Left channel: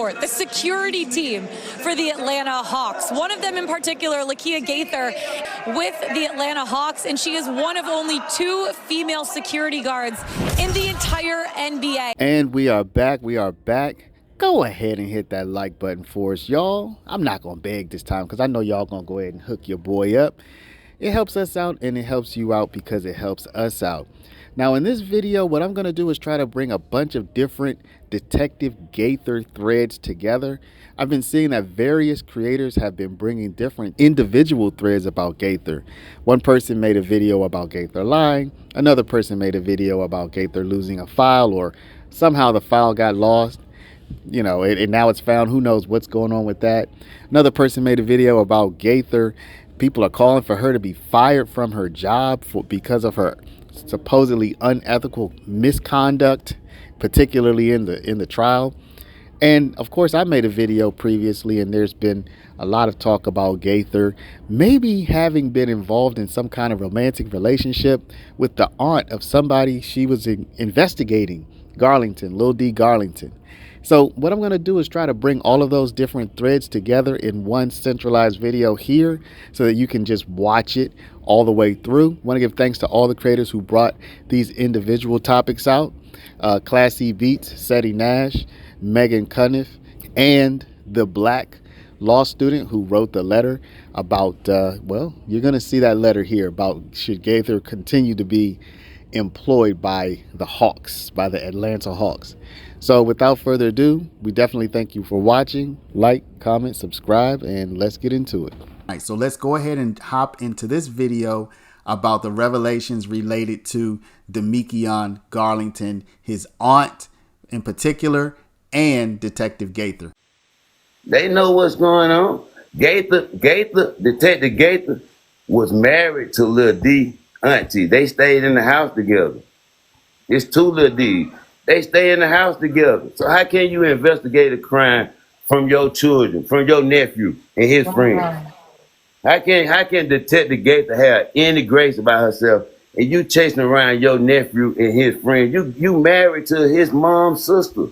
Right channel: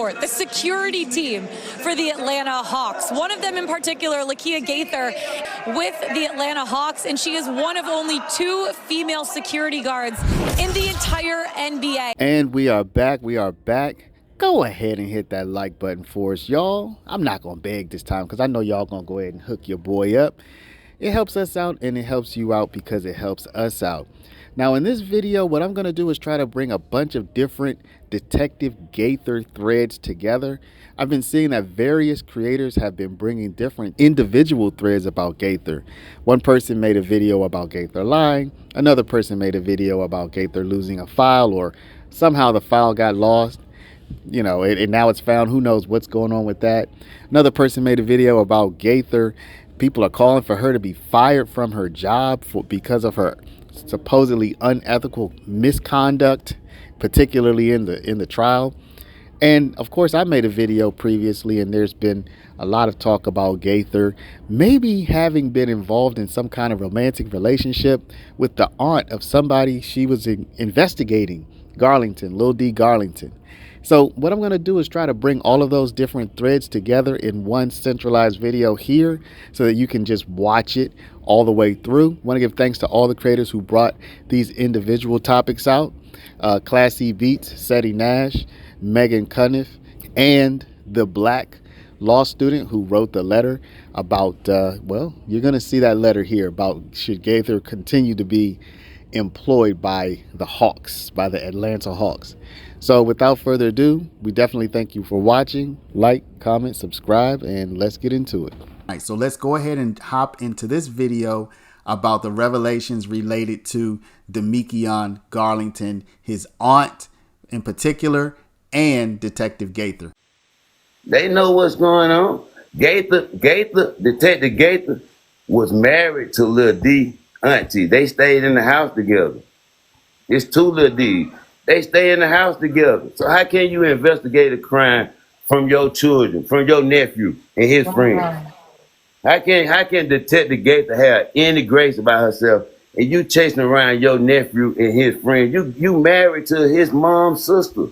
court, the security team for the Atlanta Hawks. One of them in particular, Lakia Gaither, with the Atlanta Hawks, and she is one of only 2 female security guards in the entire NBA. And we are back. Go ahead and hit that like button for us, y'all. I'm not going to beg this time because I know y'all going to go ahead and hook your boy up. It helps us out and it helps you out because it helps us out. Now in this video, what I'm going to do is try to bring a bunch of different Detective Gaither threads together. I've been seeing that various creators have been bringing different individual threads about Gaither. One person made a video about Gaither lying. Another person made a video about Gaither losing a file, or somehow the file got lost. You know, and now it's found. Who knows what's going on with that. Another person made a video about Gaither. People are calling for her to be fired from her job because of her supposedly unethical misconduct, particularly in the trial. And of course, I made a video previously, and there's been a lot of talk about Gaither maybe having been involved in some kind of romantic relationship with the aunt of somebody she was investigating, Garlington, Lil D Garlington. So what I'm going to do is try to bring all of those different threads together in one centralized video here so that you can just watch it all the way through. I want to give thanks to all the creators who brought these individual topics out. Classy Beats, Seti Nash, Megan Cuniff, and the Black law student who wrote the letter about, well, you're going to see that letter here about should Gaither continue to be employed by the Hawks, by the Atlanta Hawks. So without further ado, we definitely thank you for watching. Like, comment, subscribe, and let's get into it. All right, so let's go ahead and hop into this video about the revelations related to Demekion Garlington, his aunt in particular, and Detective Gaither. They know what's going on. Detective Gaither was married to Lil D auntie. They stayed in the house together. It's 2 Lil D. They stay in the house together. So how can you investigate a crime from your children, from your nephew and his friends? How can Detective Gaither have any grace about herself and you chasing around your nephew and his friend? You married to his mom's sister.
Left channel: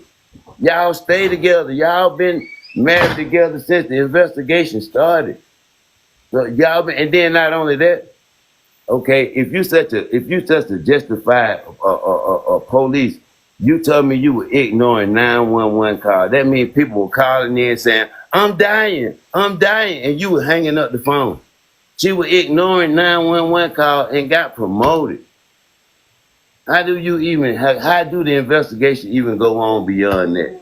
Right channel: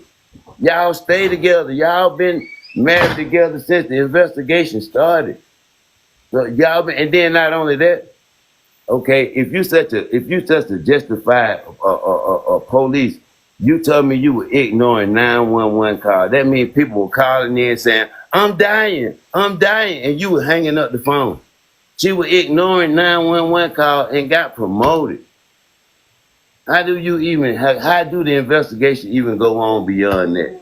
Y'all stay together. Y'all been married together since the investigation started. So y'all been, and then not only that, okay, if you such a justified police, you told me you were ignoring 911 calls. That means people were calling in saying, I'm dying, and you were hanging up the phone. She was ignoring 911 calls and got promoted. How do the investigation even go on beyond that?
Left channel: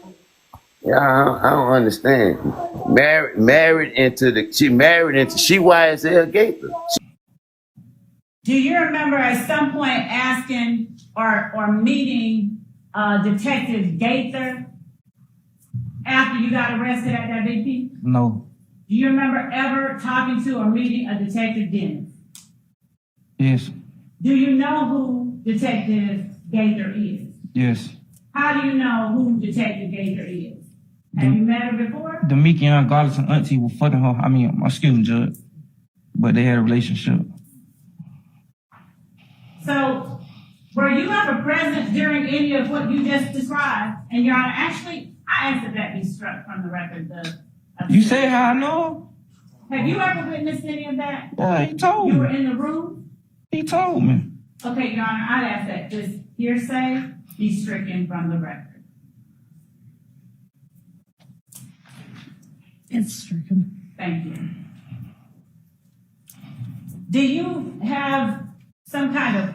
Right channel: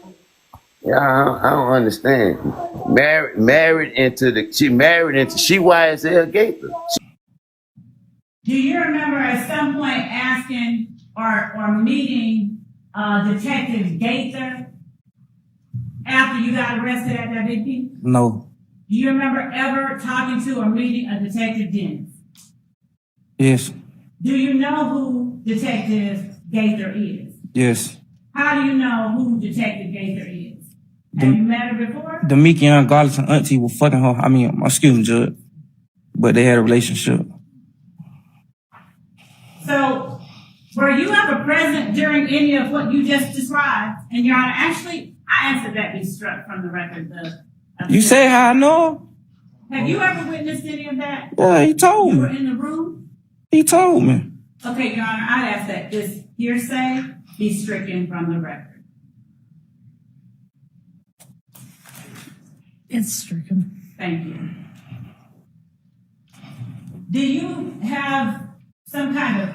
Yeah, I don't understand. She YSL Gaither. Do you remember at some point asking or meeting Detective Gaither after you got arrested at that BP? No. Do you remember ever talking to or meeting a Detective Dennis? Yes. Do you know who Detective Gaither is? Yes. How do you know who Detective Gaither is? Have you met her before? Demekion Garlington auntie was fucking her. Excuse me, Judge. But they had a relationship. So, were you ever present during any of what you just described? And Your Honor, actually, I asked that be struck from the record. You say how I know? Have you ever witnessed any of that? Yeah, he told me. You were in the room? He told me. Okay, Your Honor, I'd ask that just hearsay be stricken from the record. It's stricken. Thank you. Do you have some kind of,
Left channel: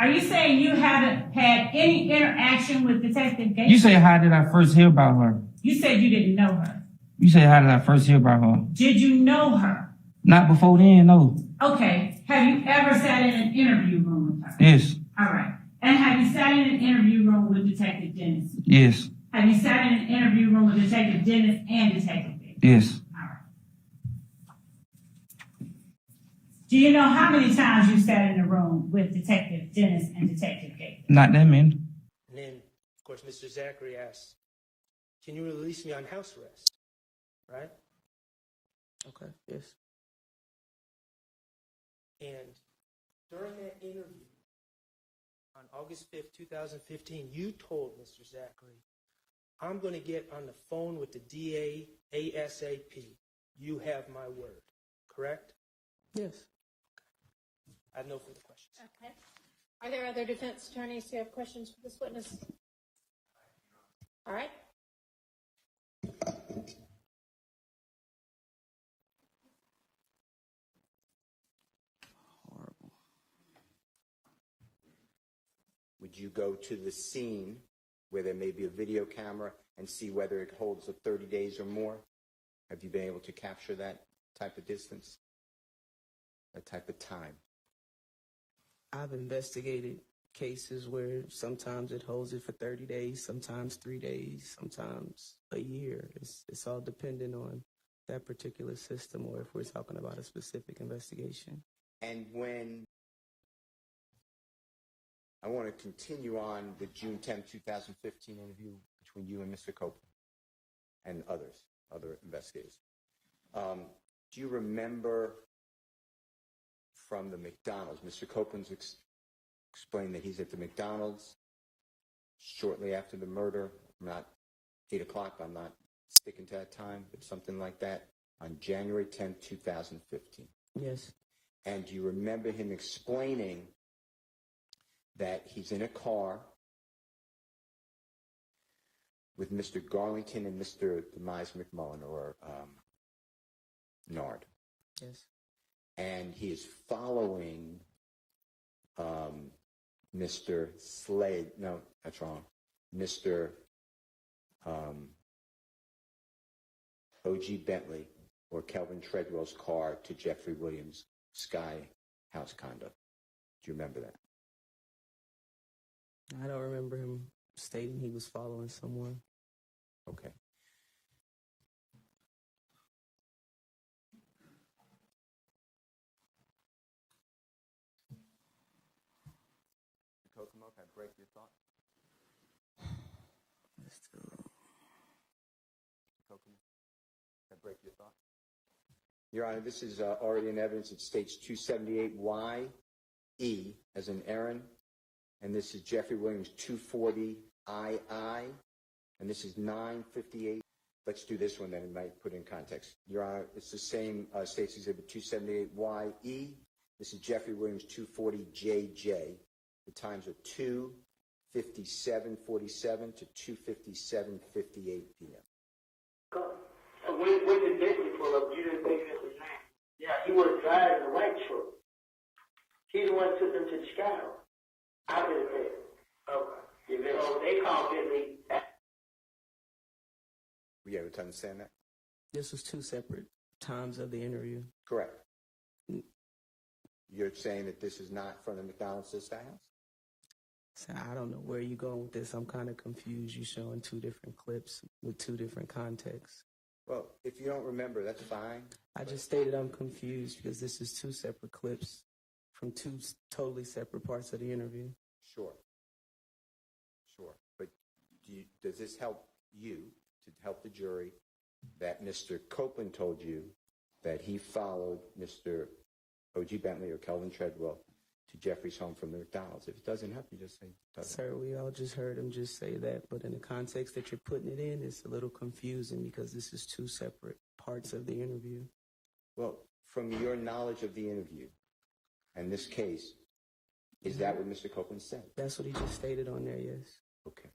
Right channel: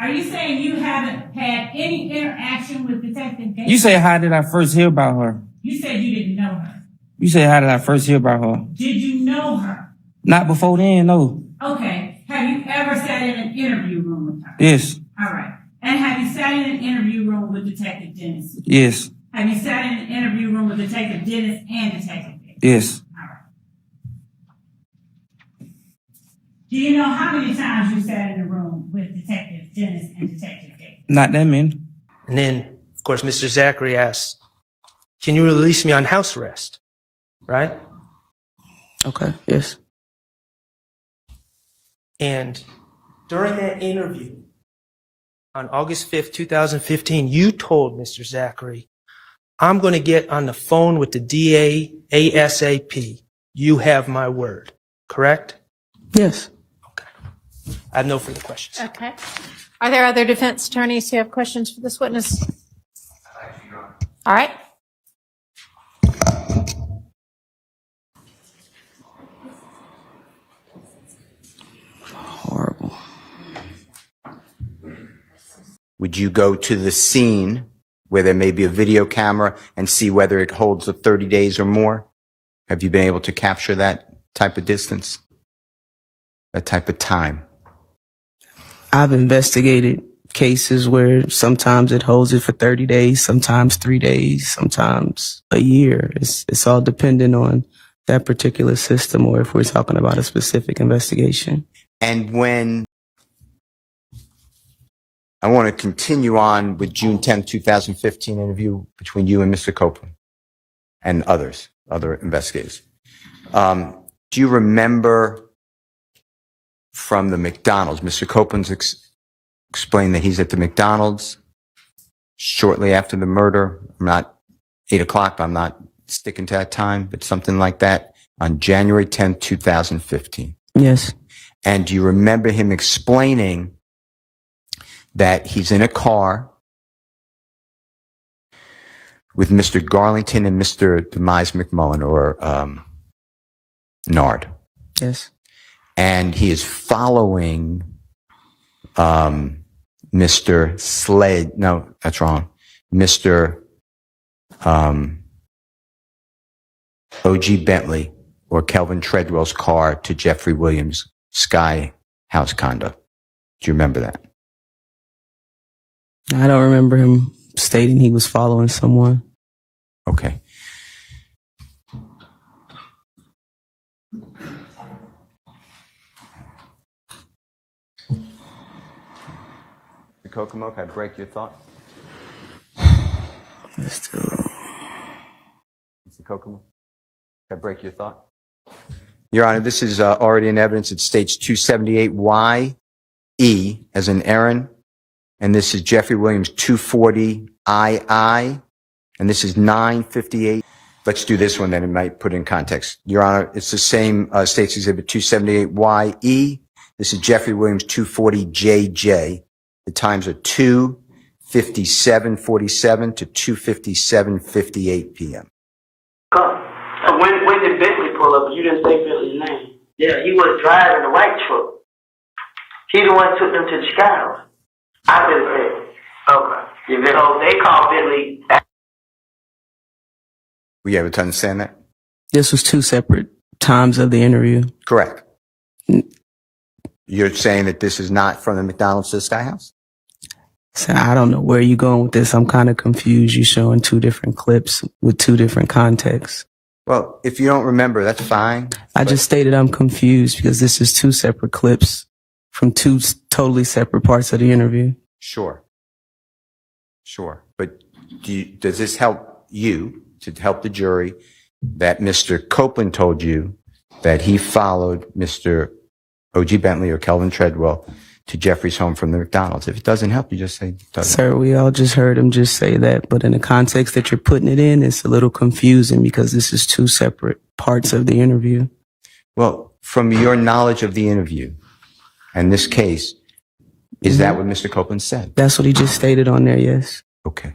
are you saying you haven't had any interaction with Detective Gaither? You say how did I first hear about her? You said you didn't know her. You say how did I first hear about her? Did you know her? Not before then, no. Okay. Have you ever sat in an interview room with her? Yes. All right. And have you sat in an interview room with Detective Dennis? Yes. Have you sat in an interview room with Detective Dennis and Detective Gaither? Yes. All right. Do you know how many times you sat in a room with Detective Dennis and Detective Gaither? Not that many. And then, of course, Mr. Zachary asks, can you release me on house arrest? Right? Okay, yes. And during that interview on August 5th, 2015, you told Mr. Zachary, I'm going to get on the phone with the DA ASAP. You have my word, correct? Yes. Okay. I have no further questions. Okay. Are there other defense attorneys who have questions for this witness? All right. Horrible. Would you go to the scene where there may be a video camera and see whether it holds the 30 days or more? Have you been able to capture that type of distance? That type of time? I've investigated cases where sometimes it holds it for 30 days, sometimes 3 days, sometimes a year. It's all dependent on that particular system or if we're talking about a specific investigation. And when I want to continue on with June 10, 2015 interview between you and Mr. Copeland and other investigators. Do you remember from the McDonald's, Mr. Copeland's explained that he's at the McDonald's shortly after the murder. I'm not 8 o'clock, but I'm not sticking to that time, but something like that on January 10, 2015. Yes. And do you remember him explaining that he's in a car with Mr. Garlington and Mr. Demise McMullen or Nard? Yes. And he is following Mr. Slade. No, that's wrong. Mr. O.G. Bentley or Kelvin Treadwell's car to Jeffrey Williams' Sky House condo. Do you remember that? I don't remember him stating he was following someone. Okay. Mr. Kokomo, can I break your thought? Let's do Mr. Kokomo, can I break your thought? Your Honor, this is already in evidence. It states 278YE as in Aaron. And this is Jeffrey Williams 240II. And this is 958. Let's do this one then. It might put it in context. Your Honor, it's the same States Exhibit 278YE. This is Jeffrey Williams 240JJ. The times are 2:57:47 to 2:57:58 p.m. When did Bentley pull up? You didn't say Bentley's name. Yeah, he was driving the white truck. He the one who took them to the Sky House. I didn't say it. Okay. So they called Bentley. Were you able to understand that? This was 2 separate times of the interview. Correct. You're saying that this is not from the McDonald's to the Sky House? So I don't know where you're going with this. I'm kind of confused. You're showing 2 different clips with 2 different contexts. Well, if you don't remember, that's fine. I just stated I'm confused because this is 2 separate clips from 2 totally separate parts of the interview. Sure. But does this help you to help the jury that Mr. Copeland told you that he followed Mr. O.G. Bentley or Kelvin Treadwell to Jeffrey's home from the McDonald's? If it doesn't help, you just say it doesn't. Sir, we all just heard him just say that, but in the context that you're putting it in, it's a little confusing because this is 2 separate parts of the interview. Well, from your knowledge of the interview and this case, is that what Mr. Copeland said? That's what he just stated on there, yes. Okay.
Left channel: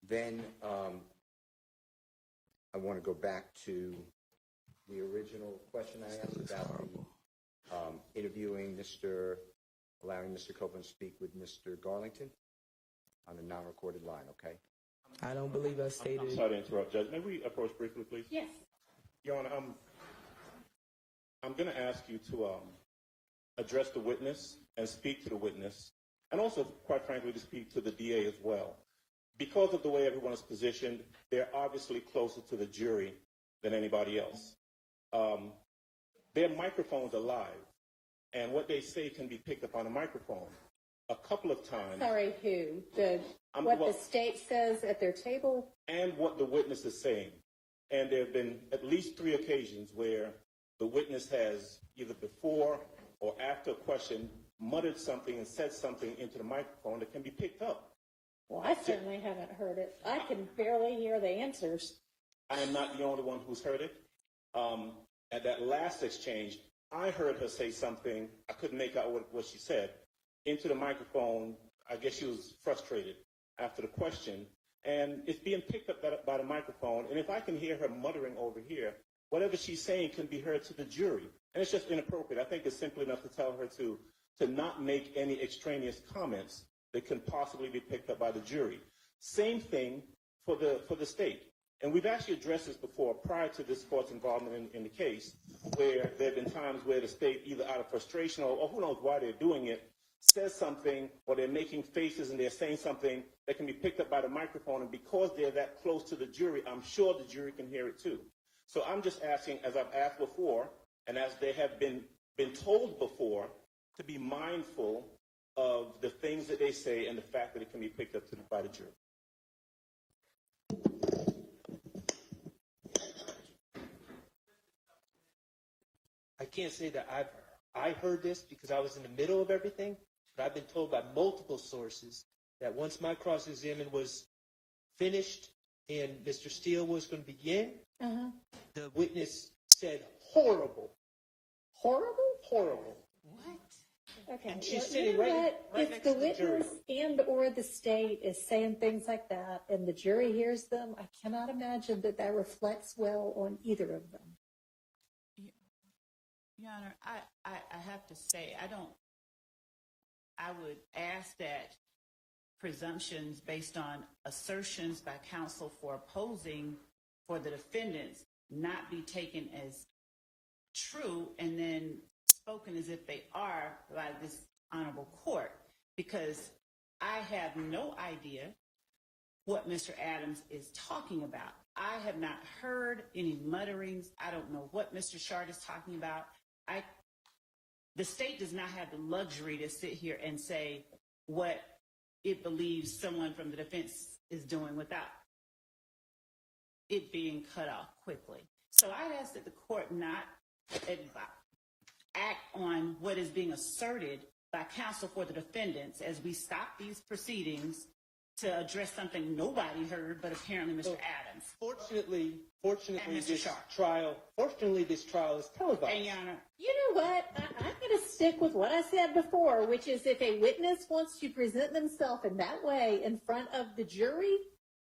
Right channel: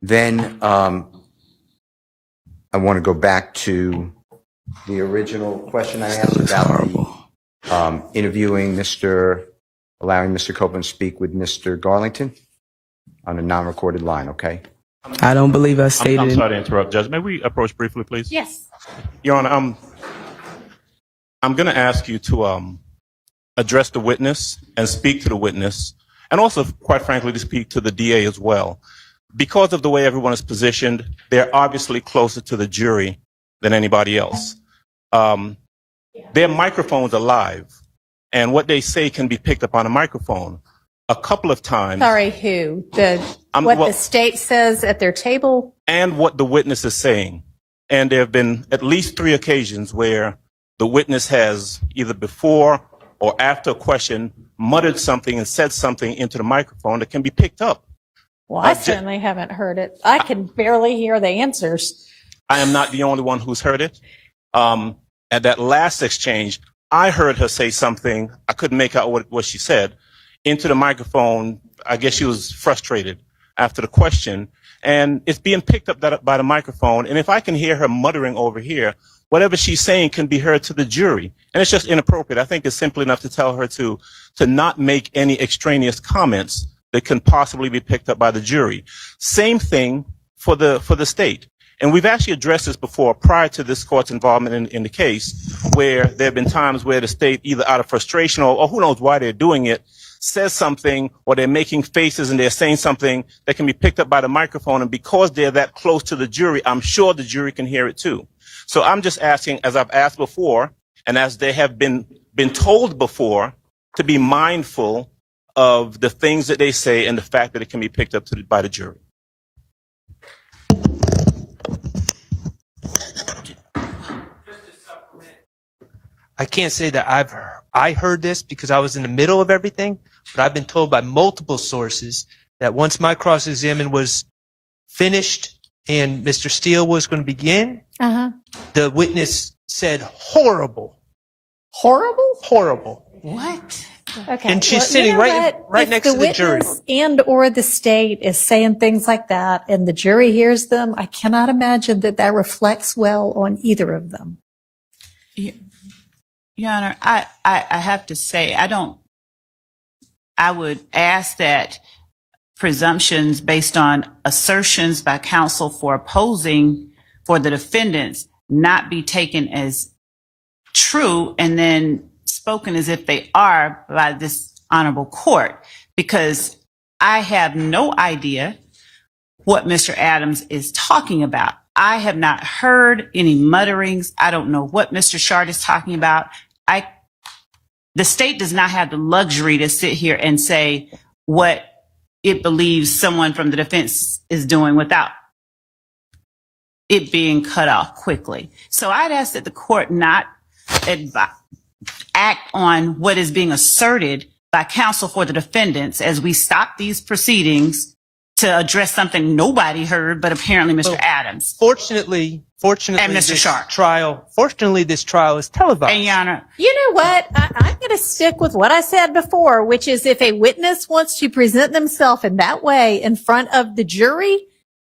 Then I want to go back to the original question I asked about interviewing allowing Mr. Copeland to speak with Mr. Garlington on a non-recorded line, okay? I don't believe I stated. I'm sorry to interrupt, Judge. May we approach briefly, please? Yes. Your Honor, I'm going to ask you to address the witness and speak to the witness, and also, quite frankly, to speak to the DA as well. Because of the way everyone is positioned, they're obviously closer to the jury than anybody else. Their microphones are live, and what they say can be picked up on a microphone. A couple of times. Sorry, who? The state says at their table? And what the witness is saying. And there have been at least 3 occasions where the witness has either before or after a question muttered something and said something into the microphone that can be picked up. Well, I certainly haven't heard it. I can barely hear the answers. I am not the only one who's heard it. At that last exchange, I heard her say something. I couldn't make out what she said into the microphone. I guess she was frustrated after the question, and it's being picked up by the microphone. And if I can hear her muttering over here, whatever she's saying can be heard to the jury, and it's just inappropriate. I think it's simple enough to tell her to not make any extraneous comments that can possibly be picked up by the jury. Same thing for the state. And we've actually addressed this before prior to this court's involvement in the case, where there have been times where the state, either out of frustration or who knows why they're doing it, says something, or they're making faces and they're saying something that can be picked up by the microphone. And because they're that close to the jury, I'm sure the jury can hear it too. So I'm just asking, as I've asked before, and as they have been told before, to be mindful of the things that they say and the fact that it can be picked up by the jury. I can't say that I heard this because I was in the middle of everything, but I've been told by multiple sources that once my cross-examination was finished and Mr. Steele was going to begin, the witness said horrible. Horrible? Horrible. What? Okay. And she's sitting right next to the jury. And or the state is saying things like that and the jury hears them. I cannot imagine that reflects well on either of them. Your Honor, I have to say, I would ask that presumptions based on assertions by counsel for opposing for the defendants not be taken as true and then spoken as if they are by this honorable court, because I have no idea what Mr. Adams is talking about. I have not heard any mutterings. I don't know what Mr. Shard is talking about. The state does not have the luxury to sit here and say what it believes someone from the defense is doing without it being cut off quickly. So I'd ask that the court not act on what is being asserted by counsel for the defendants as we stop these proceedings to address something nobody heard, but apparently Mr. Adams. Fortunately, and Mr. Sharp. Fortunately, this trial is televised. And Your Honor, you know what? I'm going to stick with what I said before, which is if a witness wants to present themselves in that way in front of the jury,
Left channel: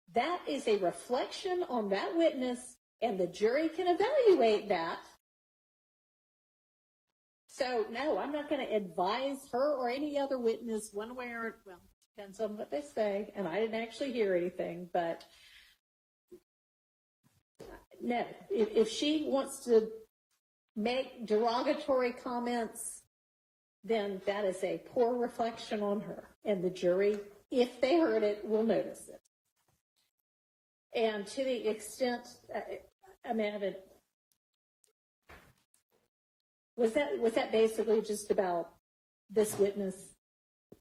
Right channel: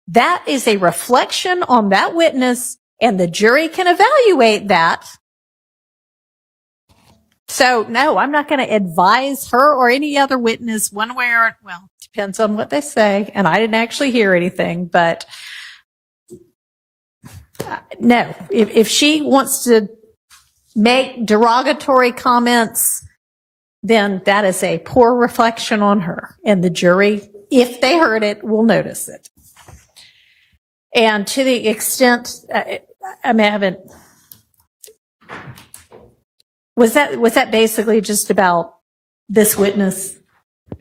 that is a reflection on that witness, and the jury can evaluate that. So, no, I'm not going to advise her or any other witness one way or, well, depends on what they say. And I didn't actually hear anything, but no, if she wants to make derogatory comments, then that is a poor reflection on her. And the jury, if they heard it, will notice it. And to the extent, I haven't, was that basically just about this witness?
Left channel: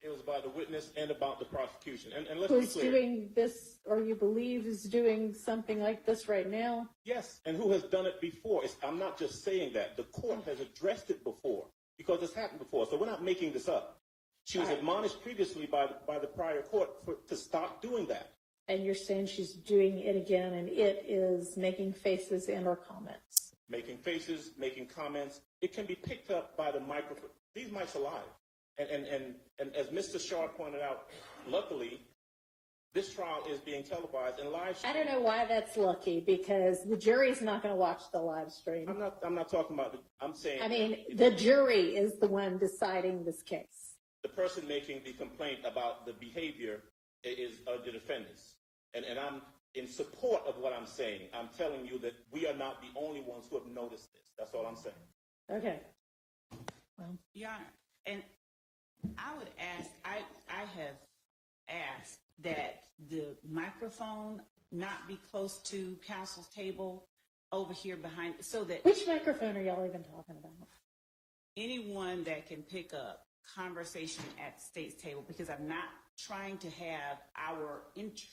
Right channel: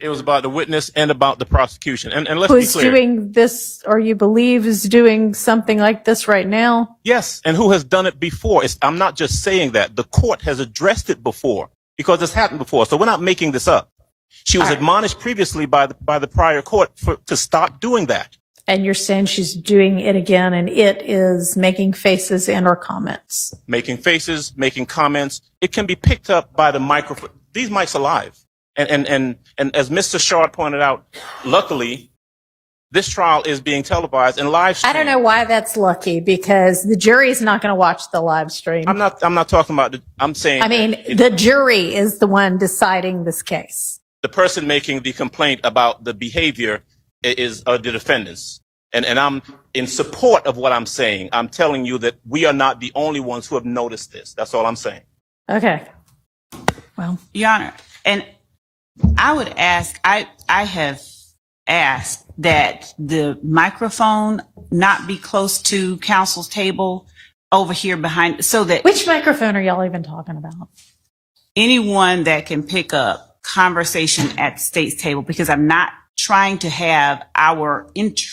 It was about the witness and about the prosecution. And let's Who's be clear. doing this, or you believe is doing something like this right now? Yes, and who has done it before. I'm not just saying that. The court has addressed it before because it's happened before. So we're not making this up. She was admonished previously by the prior court to stop doing that. And you're saying she's doing it again, and it is making faces and or comments. Making faces, making comments. It can be picked up by the microphone. These mics are live. And as Mr. Shard pointed out, luckily, this trial is being televised and live streamed. I don't know why that's lucky, because the jury is not going to watch the live stream. I'm not talking about I'm saying. I mean, the jury is the one deciding this case. The person making the complaint about the behavior is the defendants. And I'm in support of what I'm saying. I'm telling you that we are not the only ones who have noticed this. That's all I'm saying. Okay. Well, Your Honor, and I would ask, I have asked that the microphone not be close to counsel's table over here behind, so that which microphone are y'all even talking about? Anyone that can pick up conversation at the state's table, because I'm not trying to have our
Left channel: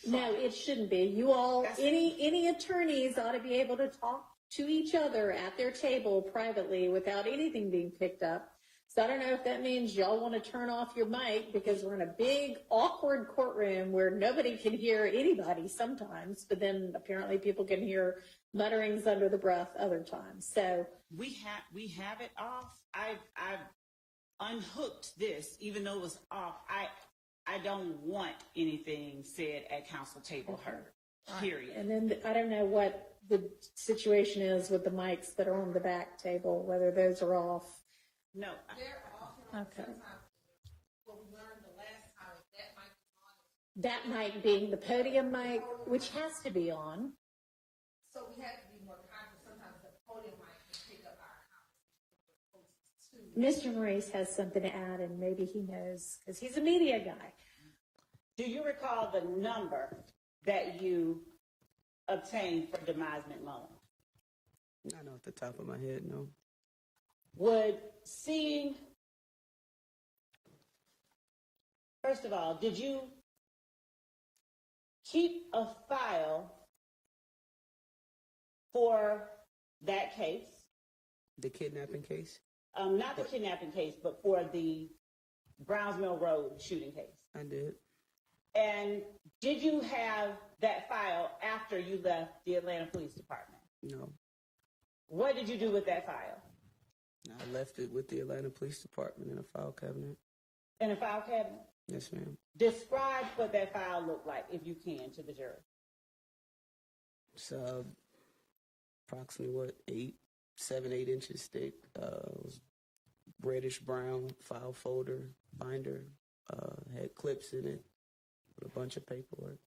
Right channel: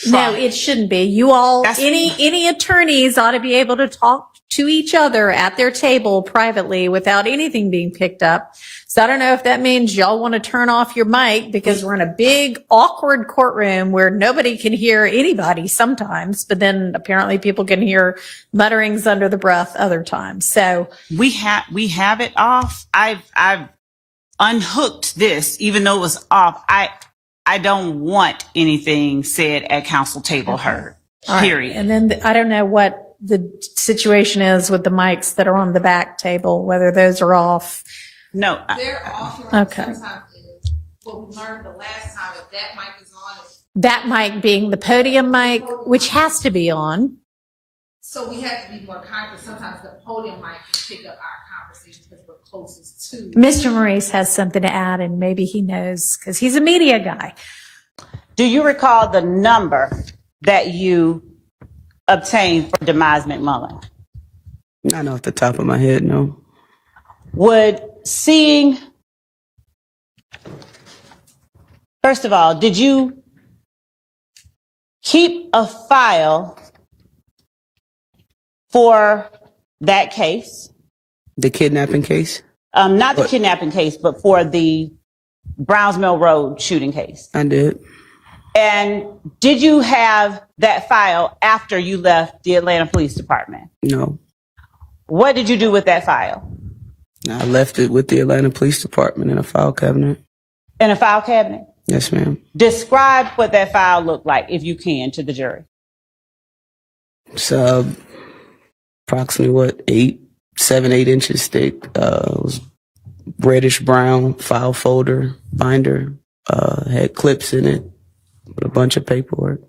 No, it shouldn't be. You all, That's- any attorneys ought to be able to talk to each other at their table privately without anything being picked up. So I don't know if that means y'all want to turn off your mic because we're in a big awkward courtroom where nobody can hear anybody sometimes, but then apparently people can hear mutterings under the breath other times. So we have it off. I've unhooked this, even though it was off. I don't want anything said at council table heard. all right. Period. And then I don't know what the situation is with the mics that are on the back table, whether those are off. No, They're off. Okay. Sometimes is what we learned the last time. If that mic is on, That mic being the podium mic, which has to be on. so we have to be more conscious. Sometimes the podium mic can pick up our conversation because we're closest to. Mr. Maurice has something to add, and maybe he knows because he's a media guy. do you recall the number that you obtained for Demise McMullen? Not off the top of my head, no. Would seeing, first of all, did you keep a file for that case? The kidnapping case? Not the kidnapping case, but for the Browns Mill Road shooting case. I did. And did you have that file after you left the Atlanta Police Department? No. What did you do with that file? I left it with the Atlanta Police Department in a file cabinet. In a file cabinet? Yes, ma'am. Describe what that file looked like, if you can, to the jury. It's approximately what, 8 inches thick. It was reddish brown file folder binder. Had clips in it with a bunch of paperwork.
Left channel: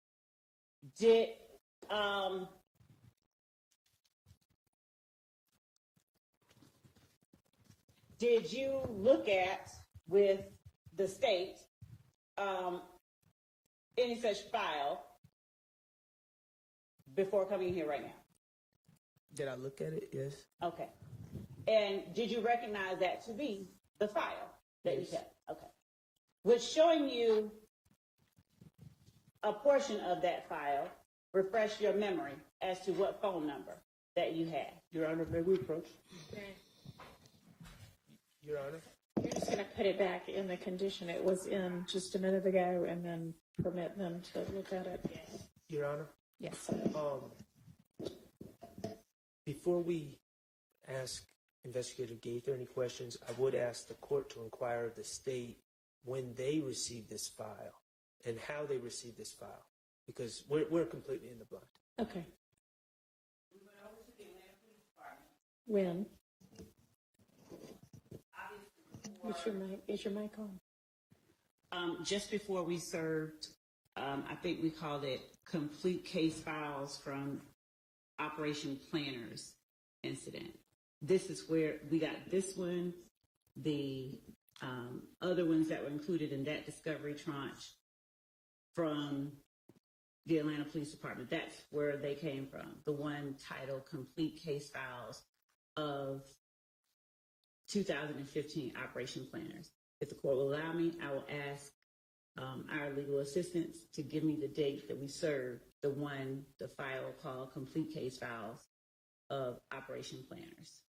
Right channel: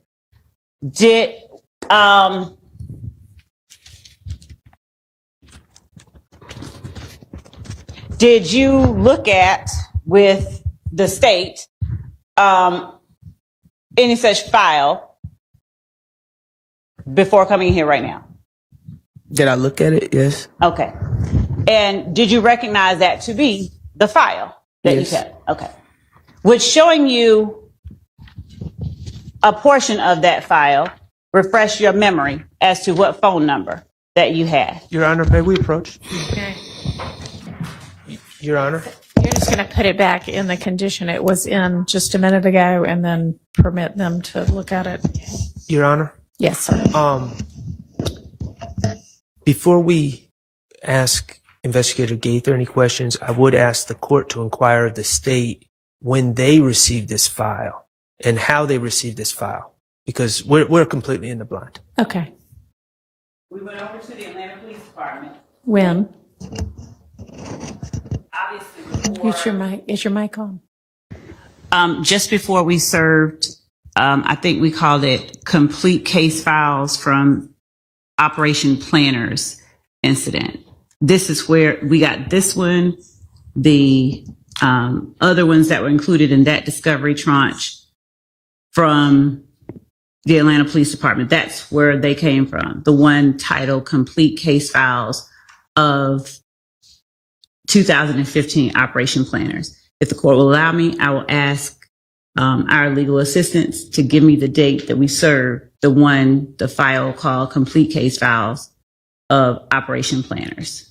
Did you look at with the state any such file before coming here right now? Did I look at it? Yes. Okay. And did you recognize that to be the file that Yes. you kept? Okay. Would showing you a portion of that file refresh your memory as to what phone number that you had? Your Honor, may we approach? Okay. Your Honor? You're just going to put it back in the condition it was in just a minute ago and then permit them to look at it. Your Honor? Yes, sir. Before we ask Investigator Gaither any questions, I would ask the court to inquire of the state when they received this file and how they received this file, because we're completely in the blind. Okay. We went over to the Atlanta Police Department. When? Obviously, Is your mic on? just before we served, I think we called it complete case files from Operation Planners incident. This is where we got this one, the other ones that were included in that discovery tranche from the Atlanta Police Department. That's where they came from. The one titled Complete Case Files of 2015 Operation Planners. If the court will allow me, I will ask our legal assistants to give me the date that we served the file called Complete Case Files of Operation Planners.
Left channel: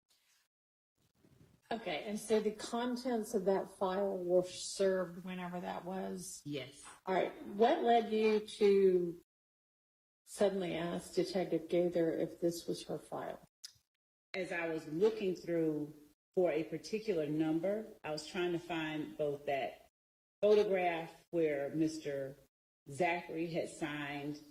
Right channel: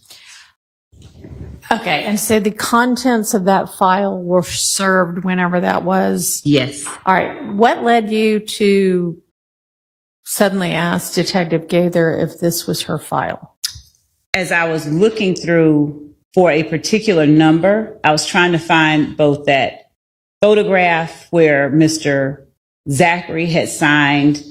Okay. And so the contents of that file were served whenever that was? Yes. All right. What led you to suddenly ask Detective Gaither if this was her file? As I was looking through for a particular number, I was trying to find both that photograph where Mr. Zachary had signed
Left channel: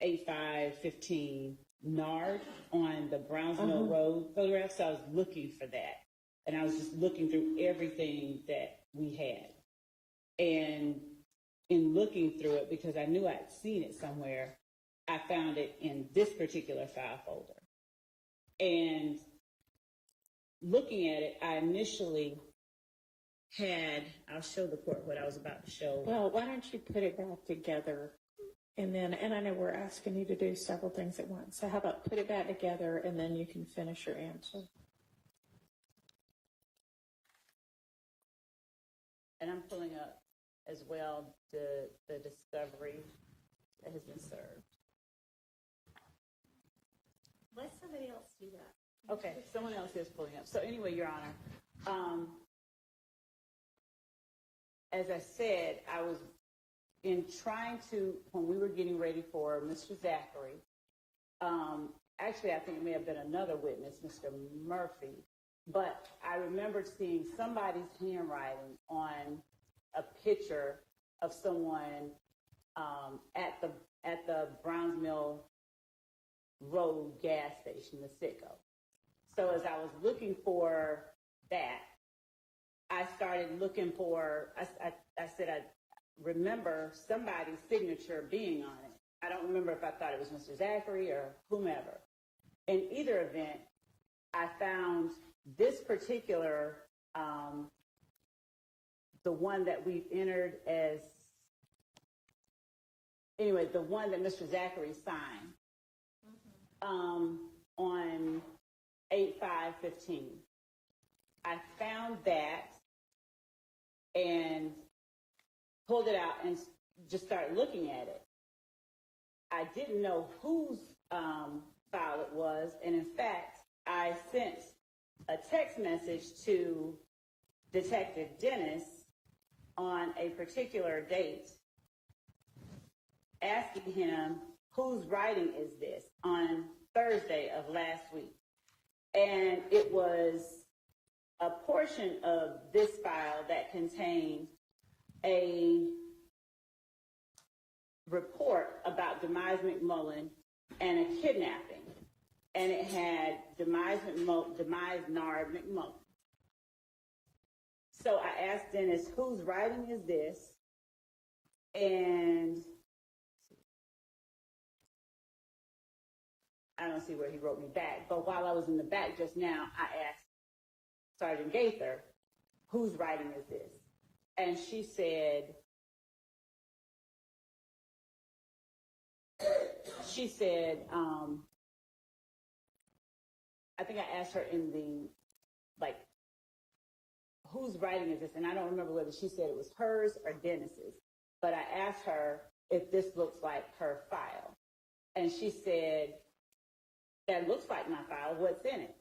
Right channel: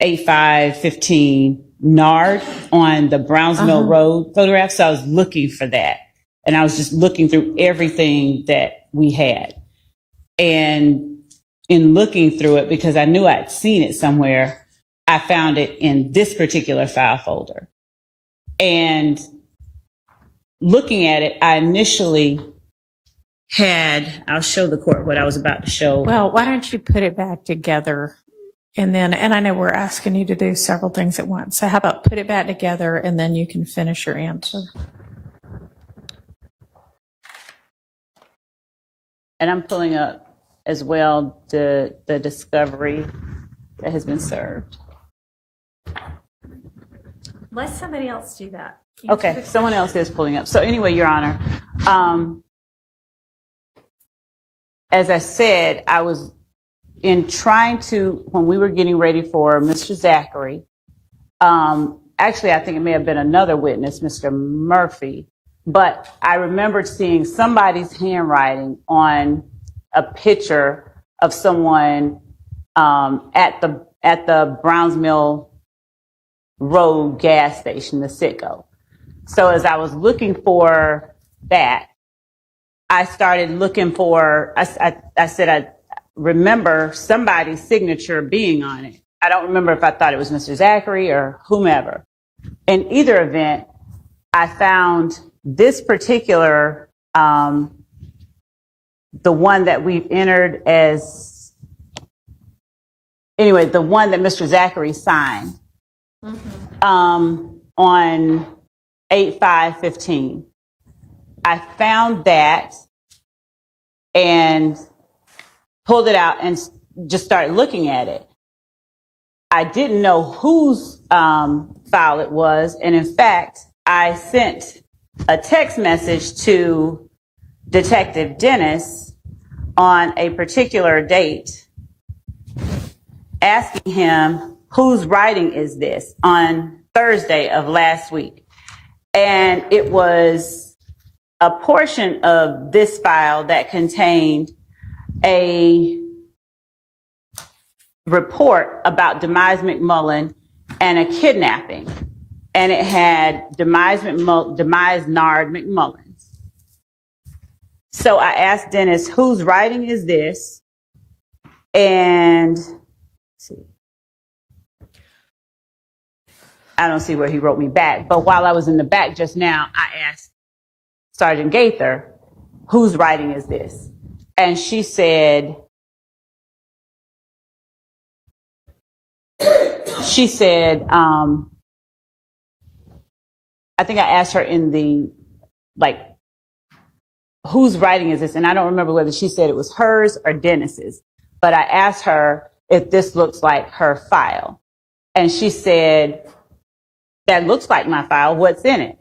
8515 NARD on the Browns Mill Road photograph. So I was looking for that. And I was just looking through everything that we had. And in looking through it, because I knew I'd seen it somewhere, I found it in this particular file folder. And looking at it, I initially I'll show the court what I was about to show. Well, why don't you put it back together? And I know we're asking you to do several things at once. So how about put it back together and then you can finish your answer. And I'm pulling up as well the discovery that has been served. Let somebody else do that. Okay, someone else is pulling up. So anyway, Your Honor, as I said, I was in trying to, when we were getting ready for Mr. Zachary, actually, I think it may have been another witness, Mr. Murphy, but I remembered seeing somebody's handwriting on a picture of someone at the Browns Mill Road gas station, the Citgo. So as I was looking for that, I started looking for, I said, I remember somebody's signature being on it. I don't remember if I thought it was Mr. Zachary or whomever. In either event, I found this particular, the one that we've entered as, anyway, the one that Mr. Zachary signed on 8/5/15. I found that and pulled it out and just started looking at it. I didn't know whose file it was. And in fact, I sent a text message to Detective Dennis on a particular date asking him, whose writing is this, on Thursday of last week. And it was a portion of this file that contained a report about Demise McMullen and a kidnapping. And it had Demise Nard McMullins. So I asked Dennis, whose writing is this? And let's see. I don't see where he wrote me back. But while I was in the back just now, I asked Sergeant Gaither, whose writing is this? And she said, I think I asked her in the, like, whose writing is this? And I don't remember whether she said it was hers or Dennis's, but I asked her if this looks like her file. And she said, that looks like my file, what's in it?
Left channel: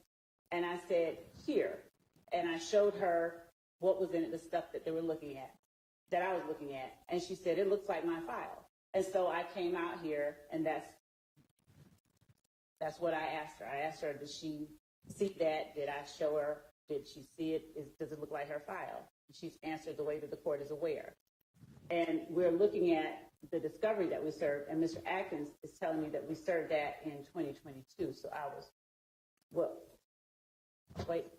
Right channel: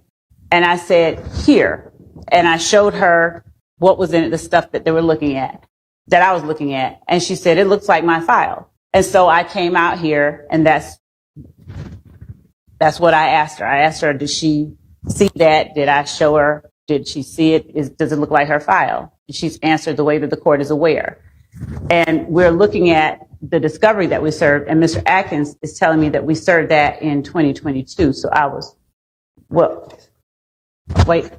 And I said, here. And I showed her what was in it, the stuff that they were looking at, that I was looking at. And she said, it looks like my file. And so I came out here, and that's what I asked her. I asked her, did she see that? Did I show her? Did she see it? Does it look like her file? And she's answered the way that the court is aware. And we're looking at the discovery that we served, and Mr. Atkins is telling me that we served that in 2022. So I was, well, wait,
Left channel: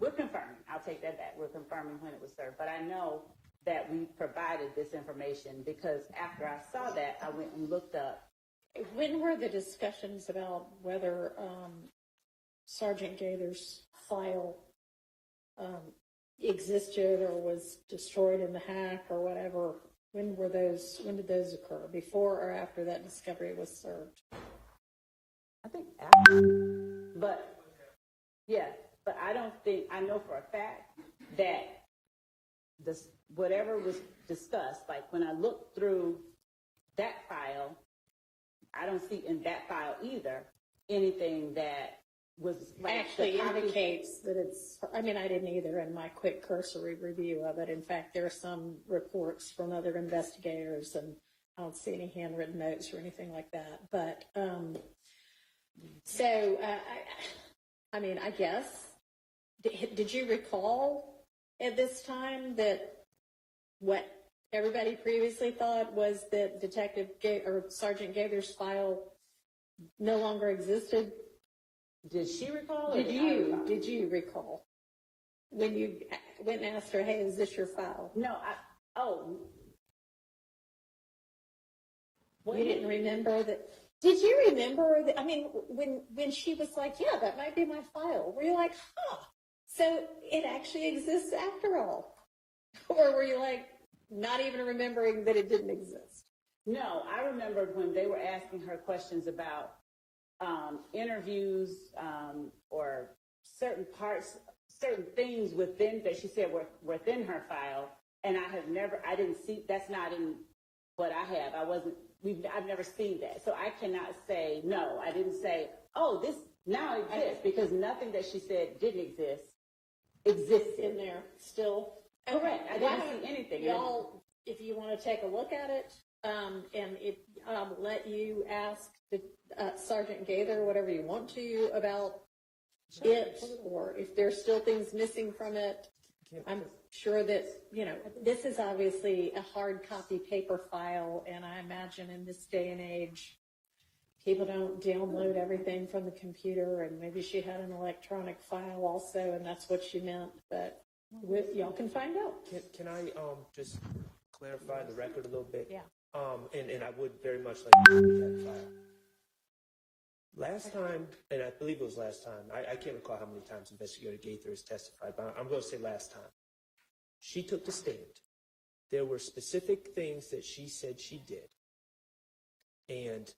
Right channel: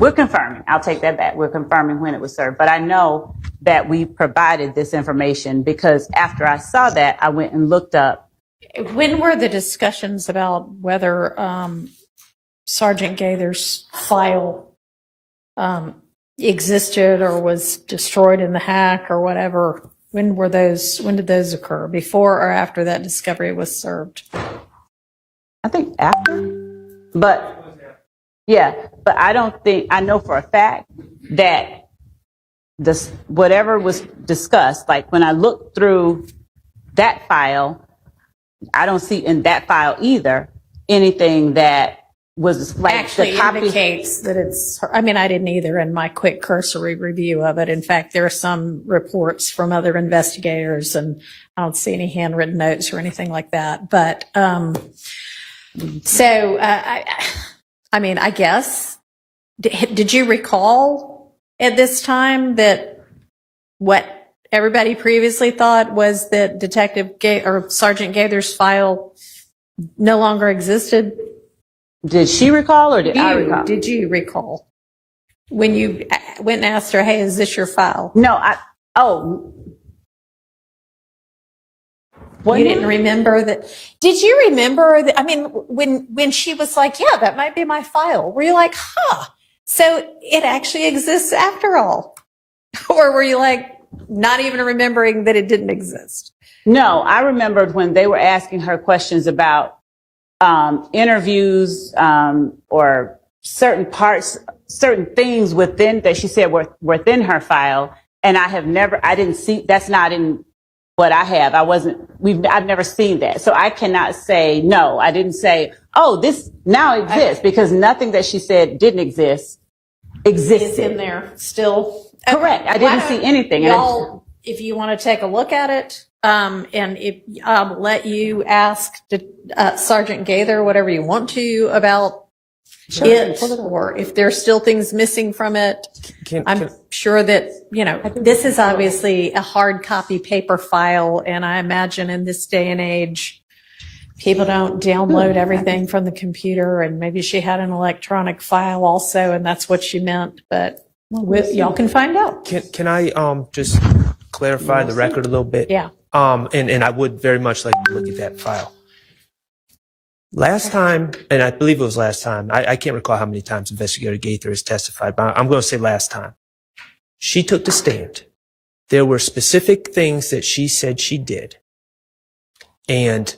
we're confirming. I'll take that back. We're confirming when it was served. But I know that we provided this information because after I saw that, I went and looked up. When were the discussions about whether Sergeant Gaither's file existed or was destroyed in the hack or whatever? When did those occur? Before or after that discovery was served? I think after. But yeah, but I don't think, I know for a fact that this, whatever was discussed, like when I looked through that file, I don't see in that file either anything that was like Actually the copy indicates that it's, I mean, I didn't either in my quick cursory review of it. In fact, there are some reports from other investigators and I don't see any handwritten notes or anything like that. But so, I mean, I guess, did you recall at this time that what everybody previously thought was that Sergeant Gaither's file no longer existed? Did she recall or did I recall? Did you recall when you went and asked her, hey, is this your file? No, you didn't remember that? Did you remember that? I mean, when she was like, yeah, that might be my file, were you like, huh, so it actually exists after all? Or were you like, not even remembering that it didn't exist? No, I remembered when they were asking her questions about interviews or certain parts, certain things within that she said were within her file. And I didn't see, that's not in what I have. I've never seen that. So I cannot say, no, I didn't say, oh, this now exists, because nothing that she said didn't exist existed. It's in there still. Correct. I didn't see anything. Y'all, if you want to take a look at it, and if I'll let you ask Sergeant Gaither whatever you want to about it, or if there's still things missing from it. I'm sure that, this is obviously a hard copy paper file, and I imagine in this day and age, people don't download everything from the computer, and maybe she had an electronic file also, and that's what she meant, but y'all can find out. Can I just clarify the record a little bit? Yeah. And I would very much like to look at that file. Last time, and I believe it was last time, I can't recall how many times Investigator Gaither has testified, but I'm going to say last time. She took the stand. There were specific things that she said she did, and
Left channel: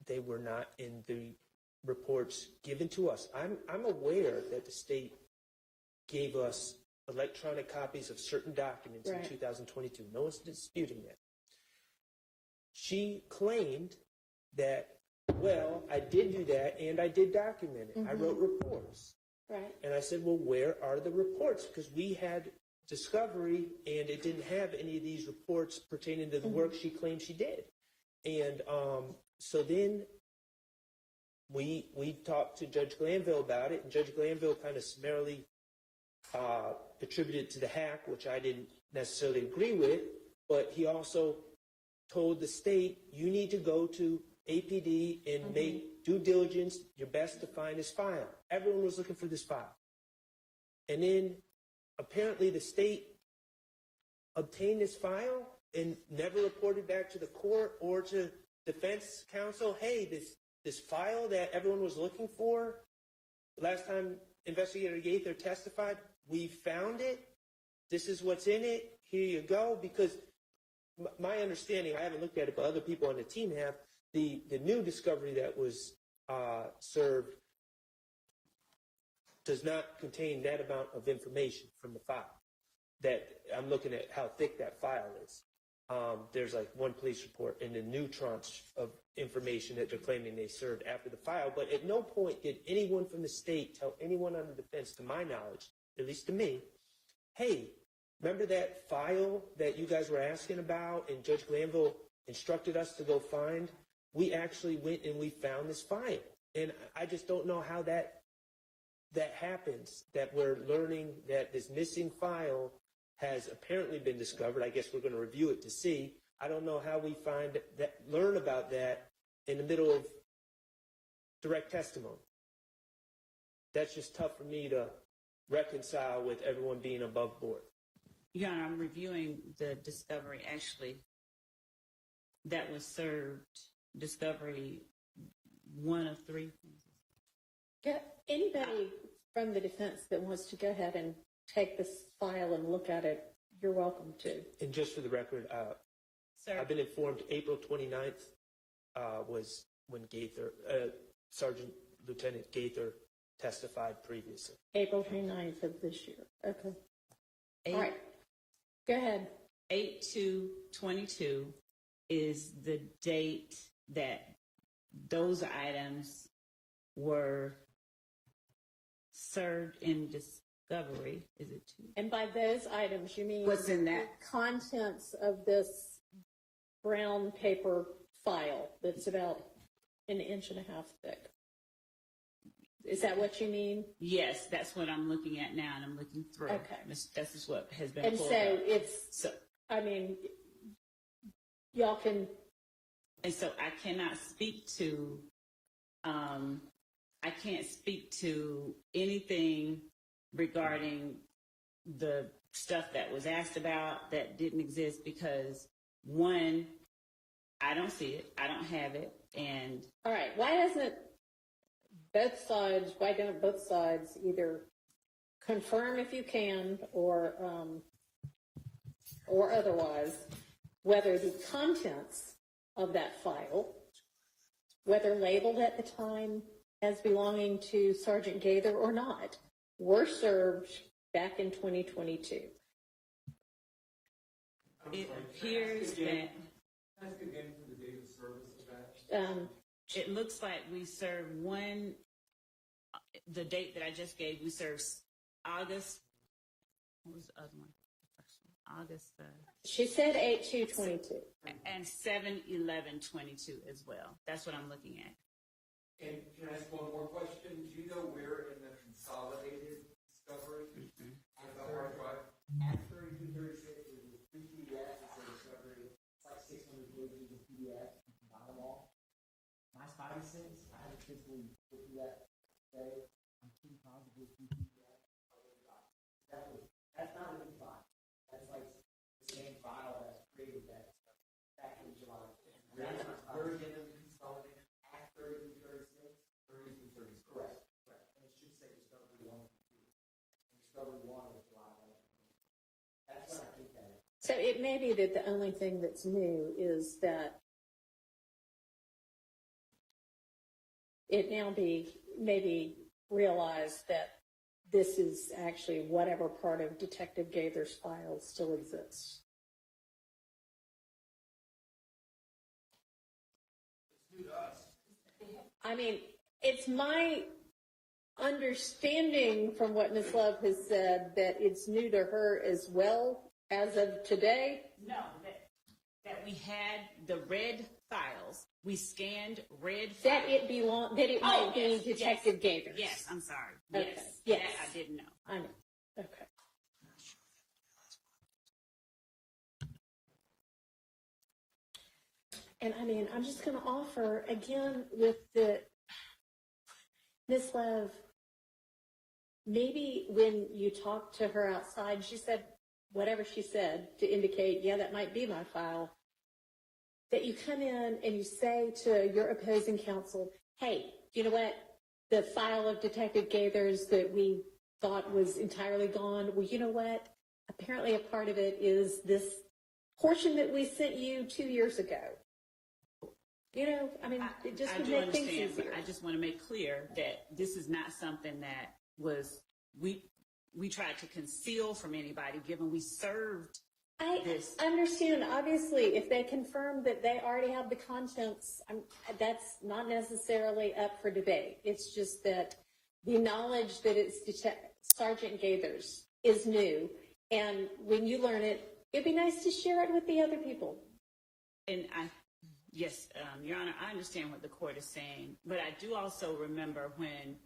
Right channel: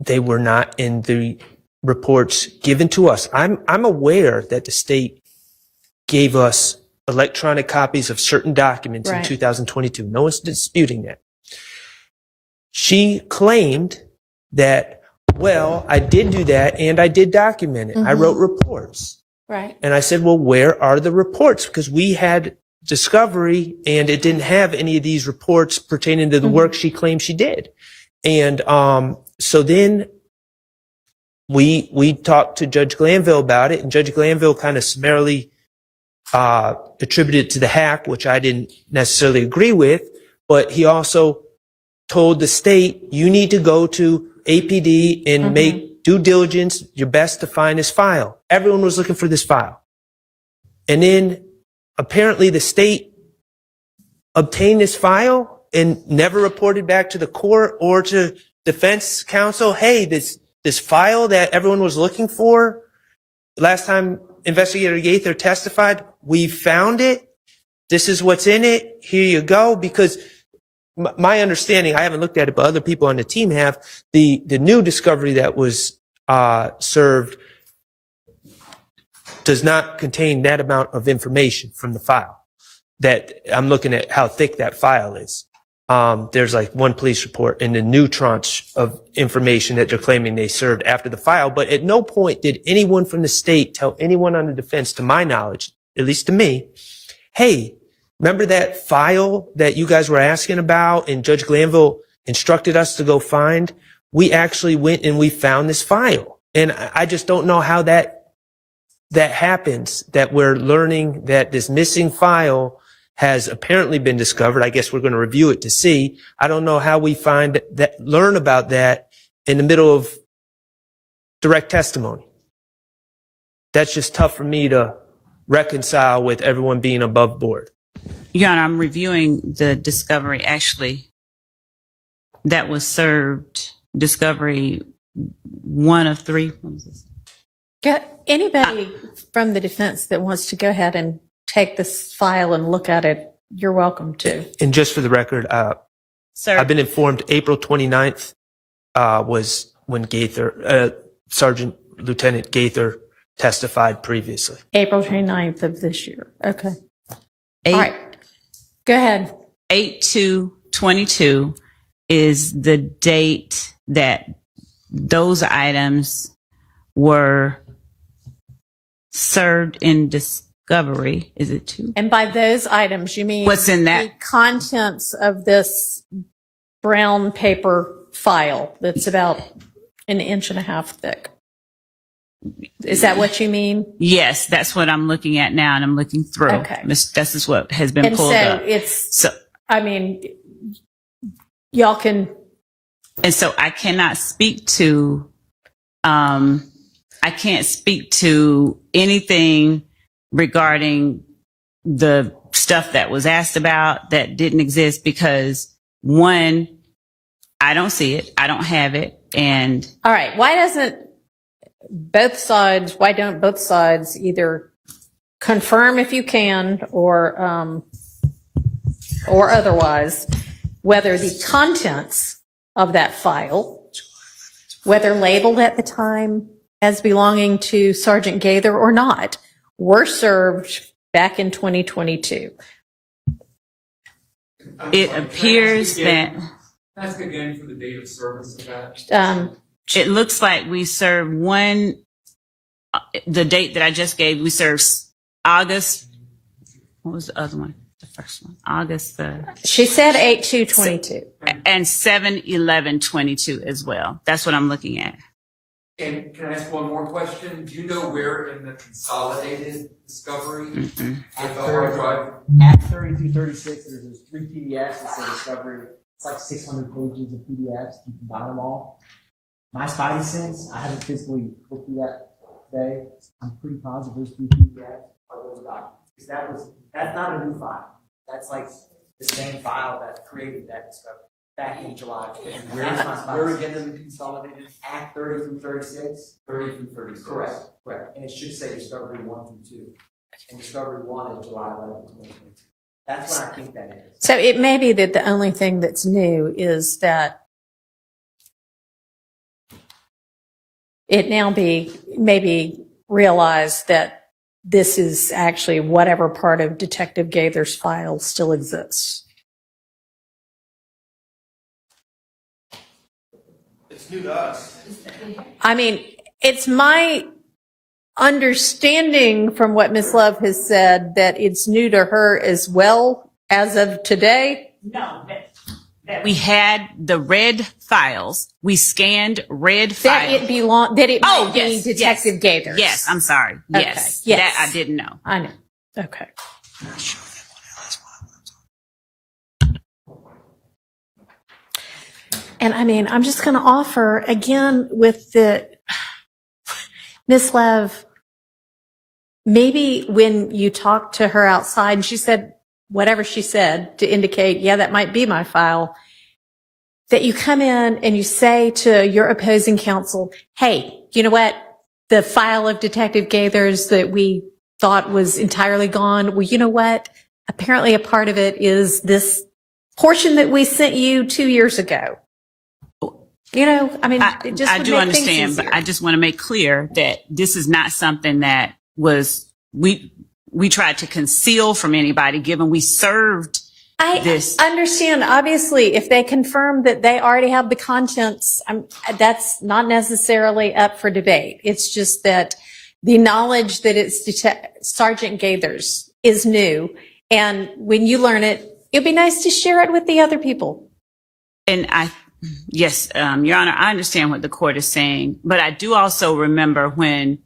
they were not in the reports given to us. I'm aware that the state gave us electronic copies of certain documents in 2022. No one's disputing that. She claimed that, well, I did do that and I did document it. I wrote reports. Right. And I said, well, where are the reports? Because we had discovery and it didn't have any of these reports pertaining to the work she claimed she did. And so then we talked to Judge Glanville about it, and Judge Glanville kind of summarily attributed it to the hack, which I didn't necessarily agree with, but he also told the state, you need to go to APD and make due diligence, your best to find this file. Everyone was looking for this file. And then apparently the state obtained this file and never reported back to the court or to defense counsel, hey, this file that everyone was looking for, last time Investigator Gaither testified, we found it. This is what's in it. Here you go. Because my understanding, I haven't looked at it, but other people on the team have, the new discovery that was served does not contain that amount of information from the file. That I'm looking at how thick that file is. There's like one police report and the new tranche of information that they're claiming they served after the file. But at no point did anyone from the state tell anyone on the defense, to my knowledge, at least to me, hey, remember that file that you guys were asking about and Judge Glanville instructed us to go find? We actually went and we found this file. And I just don't know how that happens, that we're learning that this missing file has apparently been discovered. I guess we're going to review it to see. I don't know how we learn about that in the middle of direct testimony. That's just tough for me to reconcile with everyone being above board. Your Honor, I'm reviewing the discovery actually that was served, discovery 1 of 3. What is this? Got anybody from the defense that wants to go ahead and take this file and look at it, you're welcome to. And just for the record, Sir, I've been informed April 29th was when Gaither, Sergeant Lieutenant Gaither testified previously. April 29th of this year. Okay. All right. Go ahead. 8/2/22 is the date that those items were served in discovery. Is it 2? And by those items, you mean What's in that? the contents of this brown paper file that's about 1.5 inches thick. Is that what you mean? Yes, that's what I'm looking at now, and I'm looking through. Okay. This is what has been And pulled so up. it's, I mean, y'all can. And so I cannot speak to, I can't speak to anything regarding the stuff that was asked about that didn't exist because, one, I don't see it, I don't have it, and All right. Why don't both sides either confirm if you can or otherwise whether the contents of that file, whether labeled at the time as belonging to Sergeant Gaither or not, were served back in 2022. It appears that Ask again for the date of service of that. it looks like we served one, the date that I just gave, we served August. What was the other one? The first one, August She said 8/2/22. and 7/11/22 as well. That's what I'm looking at. And can I ask one more question? Do you know where in the consolidated discovery with the hard drive? At 30-36, there's 3 PDFs. It's a discovery. It's like 600 pages of PDFs. You can buy them all. My spidey sense, I haven't physically looked through that today. I'm pretty positive those 3 PDFs are those documents. Because that's not a new file. That's like the same file that created that discovery back in July. Where again in the consolidated? Act 30-36. 30-36. Correct. And it should say discovery 1 through 2. And discovery 1 is July 11th, 2022. That's what I think that is. So it may be that the only thing that's new is that it now maybe realized that this is actually whatever part of Detective Gaither's file still exists. It's new to us. I mean, it's my understanding from what Ms. Love has said that it's new to her as well as of today. No, that we had the red files. We scanned red files. That it might be yes, Detective Gaither's. Yes, I'm sorry. Okay, Yes, yes. that I didn't know. I know. Okay. And I mean, I'm just going to offer again with the Miss Lev, maybe when you talked to her outside and she said whatever she said to indicate, yeah, that might be my file, that you come in and you say to your opposing counsel, hey, you know what? The file of Detective Gaither's that we thought was entirely gone. Well, you know what? Apparently a part of it is this portion that we sent you 2 years ago. You know, I mean, it just I would do make understand, things but easier. I just want to make clear that this is not something that was we tried to conceal from anybody, given we served this. I understand. Obviously, if they confirm that they already have the contents, that's not necessarily up for debate. It's just that the knowledge that it's Sergeant Gaither's is new, and when you learn it, it'd be nice to share it with the other people. And yes, Your Honor, I understand what the court is saying, but I do also remember when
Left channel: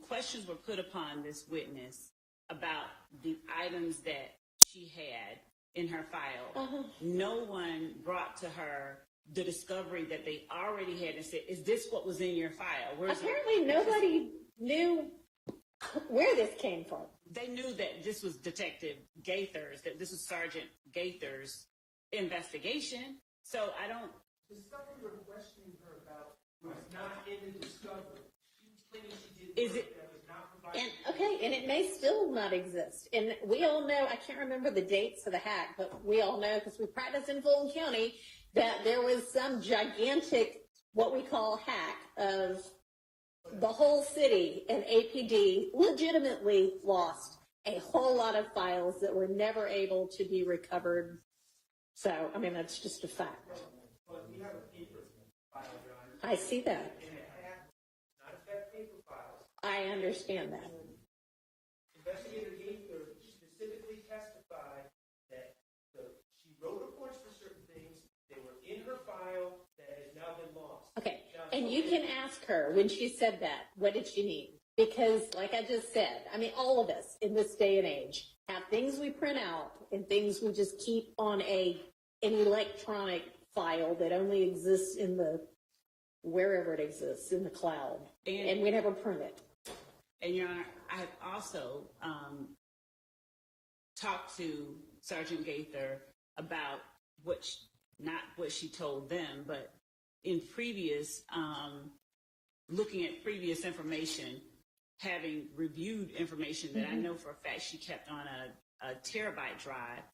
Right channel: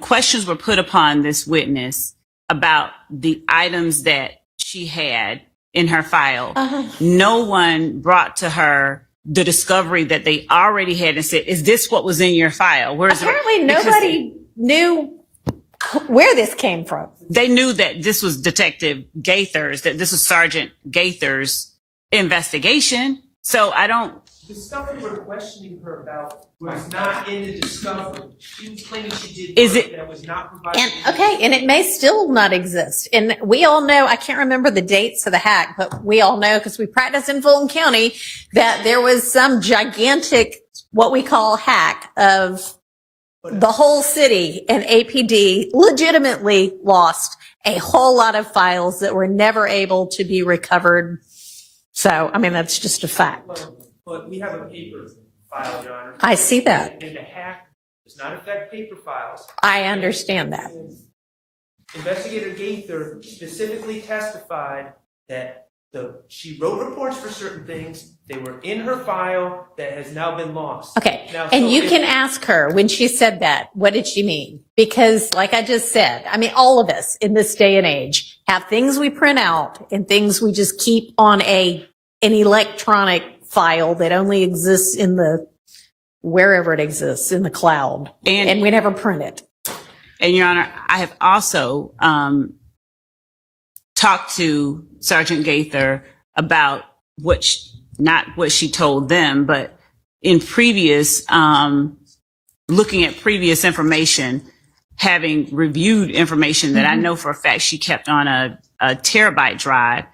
questions were put upon this witness about the items that she had in her file, no one brought to her the discovery that they already had and said, is this what was in your file? Apparently nobody knew where this came from. They knew that this was Detective Gaither's, that this was Sergeant Gaither's investigation. So The stuff we were questioning her about was not in the discovery. She was claiming she did Is work it- that was not provided. And it may still not exist. And we all know, I can't remember the dates of the hack, but we all know because we practice in Fulton County that there was some gigantic, what we call hack of the whole city, and APD legitimately lost a whole lot of files that were never able to be recovered. So, I mean, that's just a fact. But we have a paper file, Your Honor. I see that. And the hack does not affect paper files. I understand that. Investigator Gaither specifically testified that she wrote reports for certain things. They were in her file that has now been lost. Okay. Now, And so you if- can ask her when she said that, what did she mean? Because like I just said, I mean, all of us in this day and age have things we print out and things we just keep on an electronic file that only exists in wherever it exists, in the cloud. And we never print it. And Your Honor, I have also talked to Sergeant Gaither about not what she told them, but in previous, looking at previous information, having reviewed information that I know for a fact she kept on a terabyte drive,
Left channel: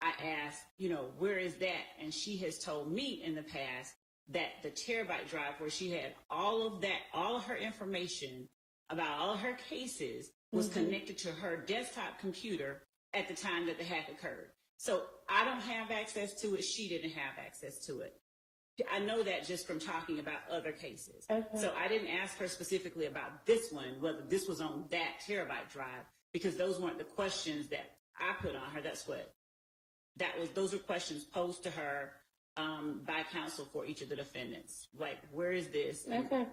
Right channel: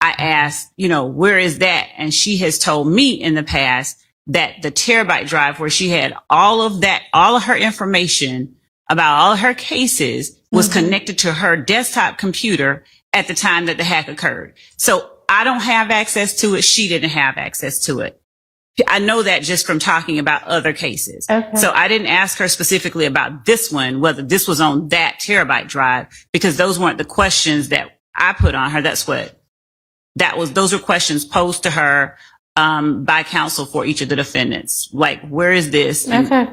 I asked, where is that? And she has told me in the past that the terabyte drive where she had all of her information about all of her cases was connected to her desktop computer at the time that the hack occurred. So I don't have access to it. She didn't have access to it. I know that just from talking about other cases. Okay. So I didn't ask her specifically about this one, whether this was on that terabyte drive, because those weren't the questions that I put on her. Those were questions posed to her by counsel for each of the defendants. Like, where is this? Okay.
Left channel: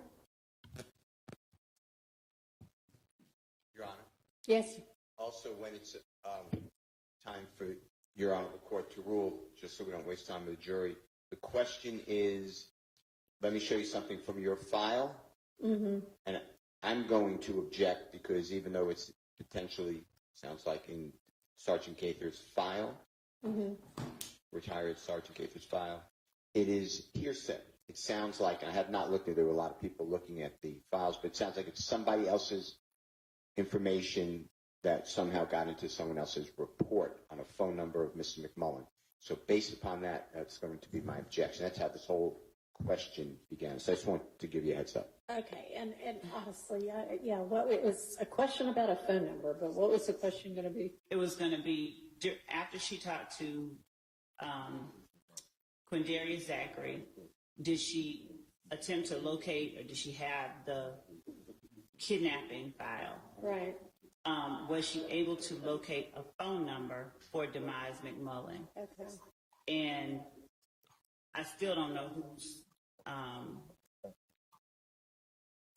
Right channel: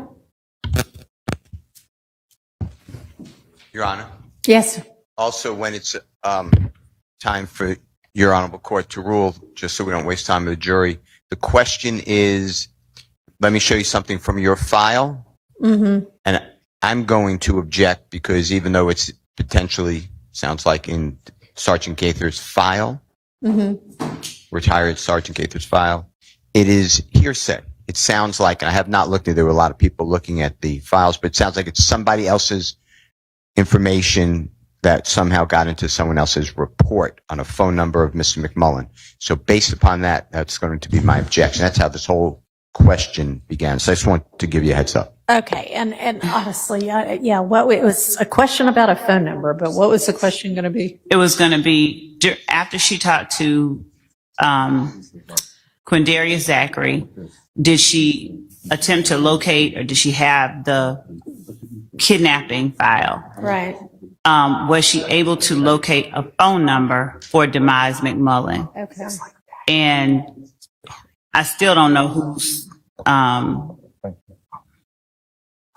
Your Honor. Yes. Also, when it's time for Your Honorable Court to rule, just so we don't waste time with the jury, the question is, let me show you something from your file. Mm-hmm. And I'm going to object because even though it's potentially sounds like in Sergeant Gaither's file, retired Sergeant Gaither's file, it is hearsay. It sounds like, and I have not looked at it, there were a lot of people looking at the files, but it sounds like it's somebody else's information that somehow got into someone else's report on a phone number of Mr. McMullen. So based upon that, that's going to be my objection. That's how this whole question began. So I just want to give you a heads up. Okay. And honestly, it was a question about a phone number, but what was the question going to be? It was going to be after she talked to Quindarius Zachary, did she attempt to locate or did she have the kidnapping file? Right. Was she able to locate a phone number for Demise McMullen? Okay. And I still don't know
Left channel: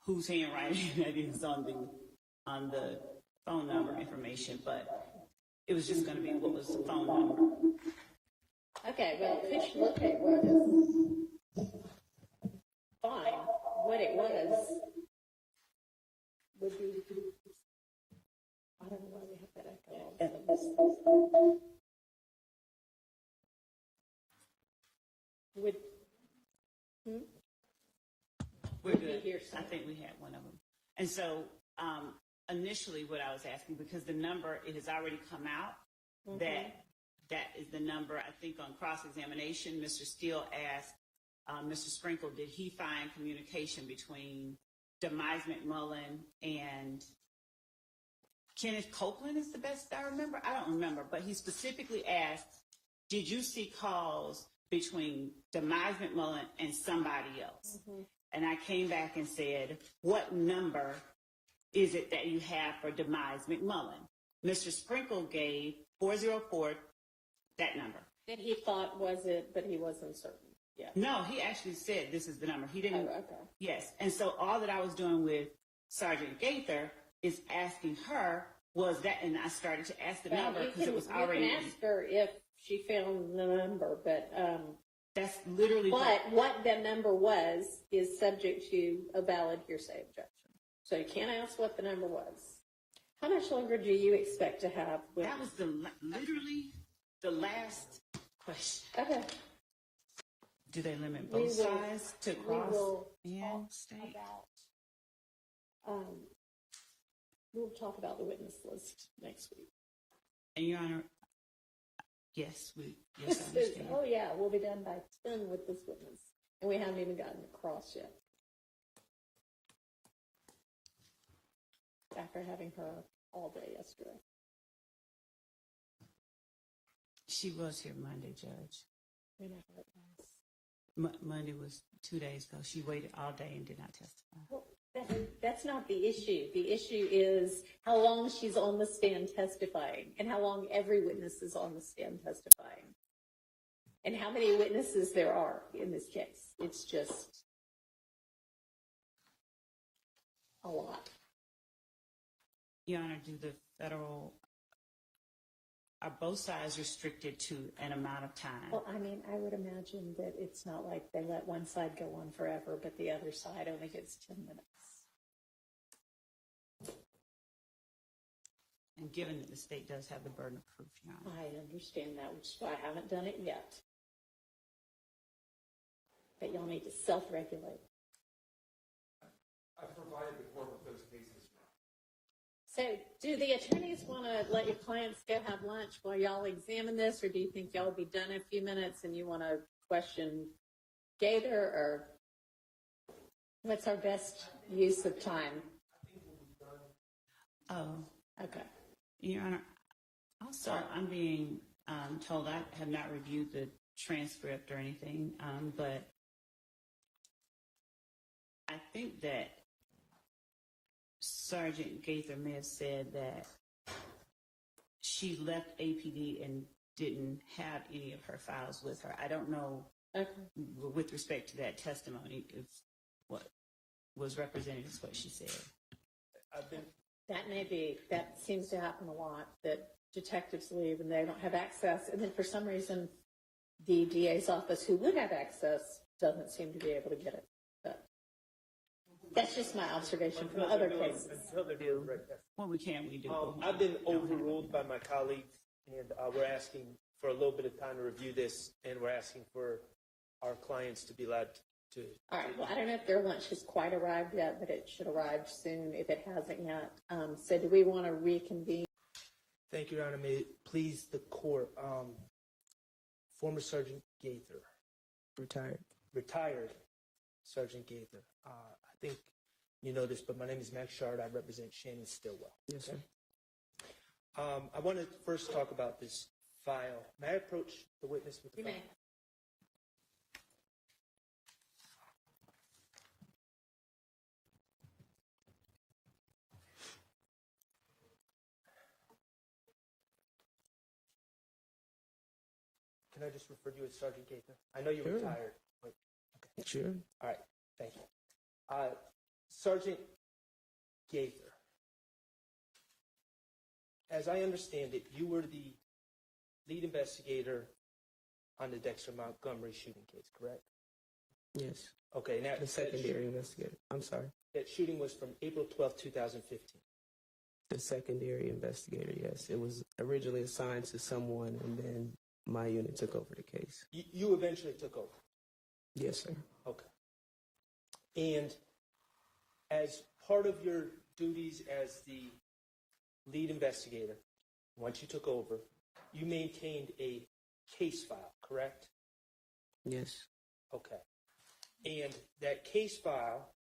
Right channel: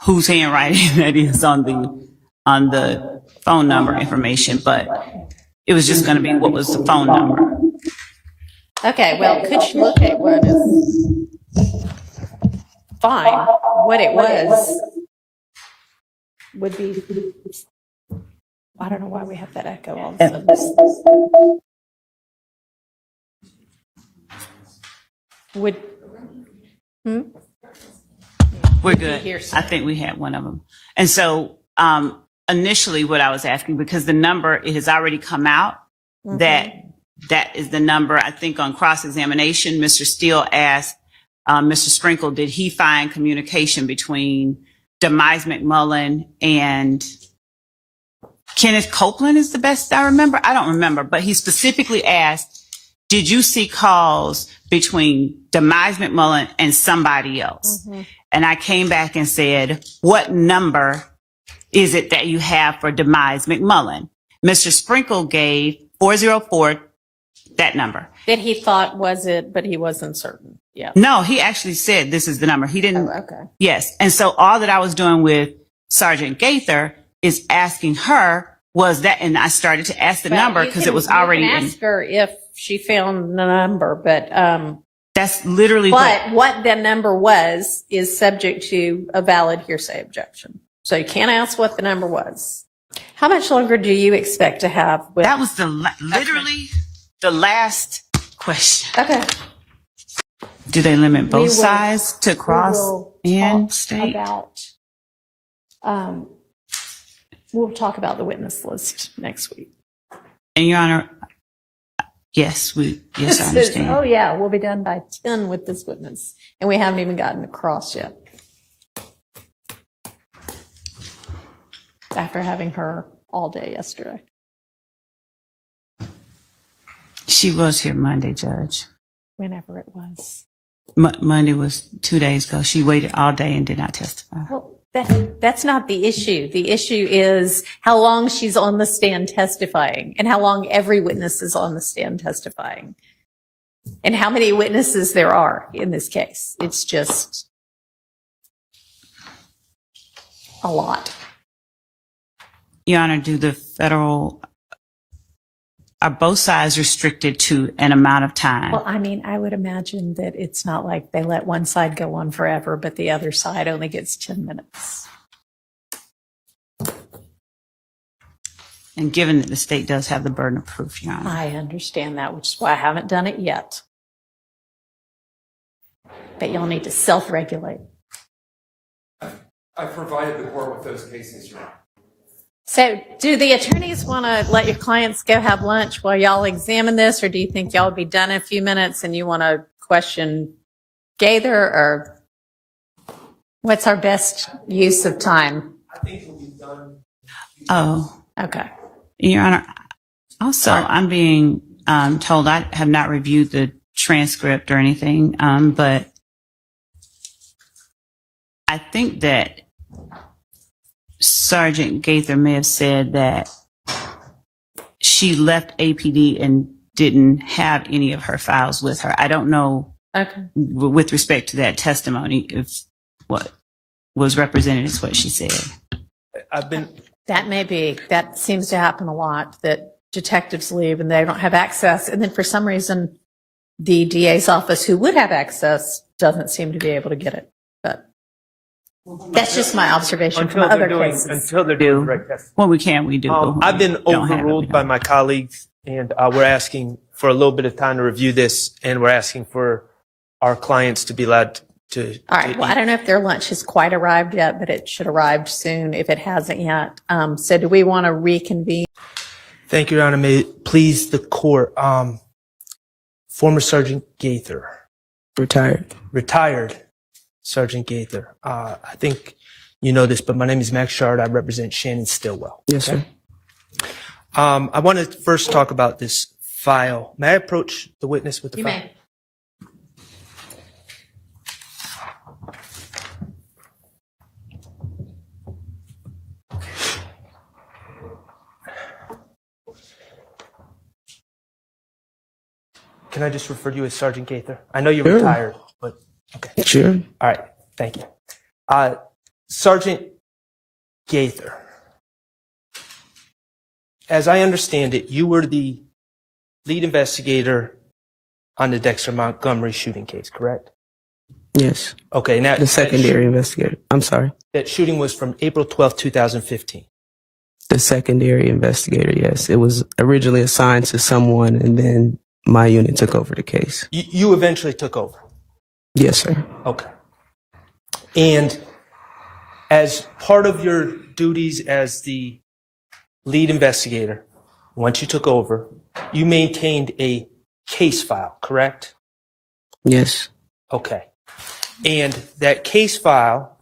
whose handwriting that is on the phone number information, but it was just going to be what was the phone number. Okay. Well, could you locate what is fine? What it was would be. I don't know why we have that echo all of a sudden. We're good. I think we had one of them. And so initially what I was asking, because the number, it has already come out that is the number. I think on cross-examination, Mr. Steele asked Mr. Sprinkle, did he find communication between Demise McMullen and Kenneth Copeland is the best I remember. I don't remember, but he specifically asked, did you see calls between Demise McMullen and somebody else? And I came back and said, what number is it that you have for Demise McMullen? Mr. Sprinkle gave 404, that number. That he thought was it, but he wasn't certain. Yeah. No, he actually said this is the number. He didn't. Oh, okay. Yes. And so all that I was doing with Sergeant Gaither is asking her, was that, and I started to ask the number because it was already. You can ask her if she found the number, but that's literally what the number was is subject to a valid hearsay objection. So you can't ask what the number was. How much longer do you expect to have? That was literally the last question. Okay. Do they limit both sides to cross and state? We'll talk about the witness list next week. And Your Honor, yes, I understand. Oh yeah, we'll be done by 10 with this witness, and we haven't even gotten across yet. After having her all day yesterday. She was here Monday, Judge. Whenever it was. Monday was 2 days ago. She waited all day and did not testify. Well, that's not the issue. The issue is how long she's on the stand testifying and how long every witness is on the stand testifying and how many witnesses there are in this case. It's just a lot. Your Honor, are both sides restricted to an amount of time? Well, I mean, I would imagine that it's not like they let one side go on forever, but the other side only gets 10 minutes. And given that the state does have the burden of proof, Your Honor. I understand that, which is why I haven't done it yet. But y'all need to self-regulate. I've provided the court with those cases, Your Honor. So do the attorneys want to let your clients go have lunch while y'all examine this, or do you think y'all will be done in a few minutes and you want to question Gaither, or what's our best use of time? I think we'll be done. Oh, okay. Your Honor, Also, I'm being told I have not reviewed the transcript or anything, but I think that Sergeant Gaither may have said that she left APD and didn't have any of her files with her. I don't know, with respect to that testimony, if what was represented is what she said. That seems to happen a lot, that detectives leave and they don't have access. And then for some reason, the DA's office, who would have access, doesn't seem to be able to get it. But that's just my observation from other cases. Until they're doing direct testing. What we can, we do. I've been overruled by my colleagues, and we're asking for a little bit of time to review this, and we're asking for our clients to be allowed to. All right. Well, I don't know if their lunch has quite arrived yet, but it should arrive soon if it hasn't yet. So do we want to reconvene? Thank you, Your Honor. May it please the court. Former Sergeant Gaither. Retired Sergeant Gaither. I think you know this, but my name is Max Shard. I represent Shannon Stillwell. Yes, sir. I want to first talk about this file. May I approach the witness with the file? You may. Can I just refer to you as Sergeant Gaither? I know you're retired, but okay. Sure. All right. Thank you. Sergeant Gaither, as I understand it, you were the lead investigator on the Dexter Montgomery shooting case, correct? Yes. Okay. Now, The secondary investigator. I'm sorry. that shooting was from April 12th, 2015. The secondary investigator, yes. It was originally assigned to someone, and then my unit took over the case. You eventually took over. Yes, sir. Okay. And as part of your duties as the lead investigator, once you took over, you maintained a case file, correct? Yes. Okay. And that case file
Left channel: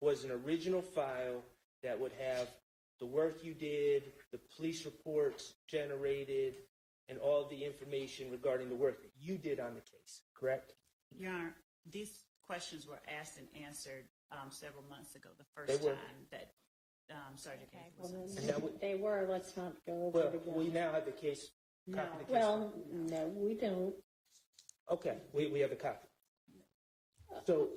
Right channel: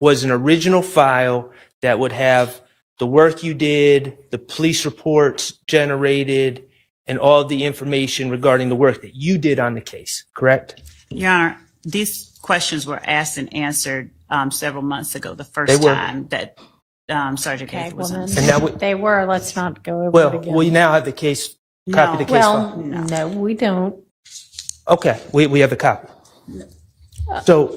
was an original file that would have the work you did, the police reports generated, and all the information regarding the work that you did on the case, correct? Your Honor, these questions were asked and answered several months ago, the first time that Sergeant Gaither was on. And now They were. Let's not go over it again. we now have the case, copy of the case file. No, we don't. Okay, we have a copy. So,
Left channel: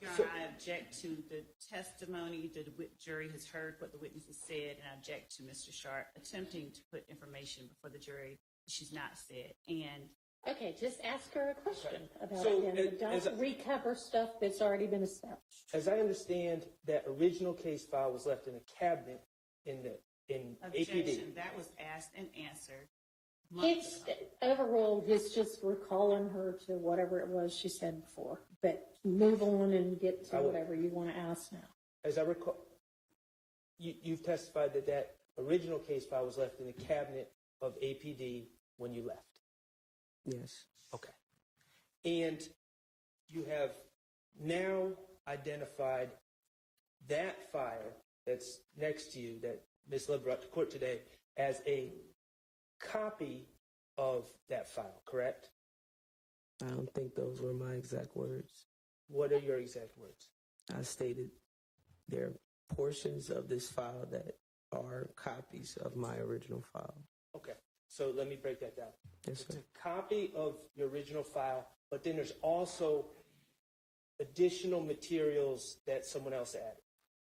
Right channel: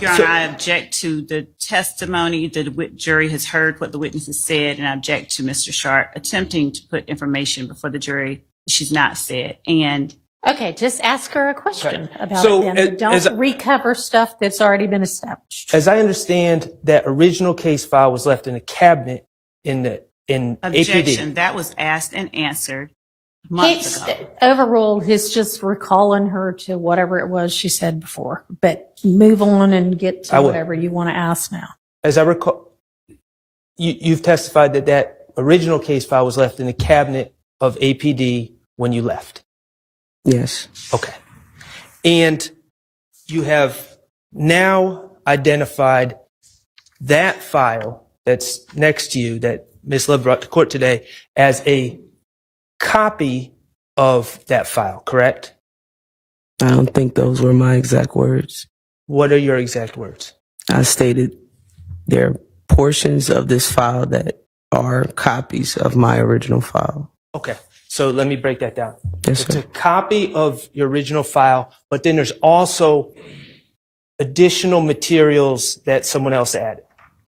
Your Honor, I object to the testimony. The jury has heard what the witness has said, and I object to Mr. Sharp attempting to put information before the jury that she's not said. And Okay, just ask her a question about So, it then. But as don't recover stuff that's already been established. as I understand, that original case file was left in a cabinet in objection, APD. that was asked and answered months It's ago. overruled. He's just recalling her to whatever it was she said before. But move on and get I to will. whatever you want to ask now. As I recall, you've testified that original case file was left in the cabinet of APD when you left. Yes. Okay. And you have now identified that file that's next to you that Ms. Love brought to court today as a copy of that file, correct? I don't think those were my exact words. What are your exact words? I stated there are portions of this file that are copies of my original file. Okay. So let me break that down. Yes, It's sir. a copy of your original file, but then there's also additional materials that someone else added.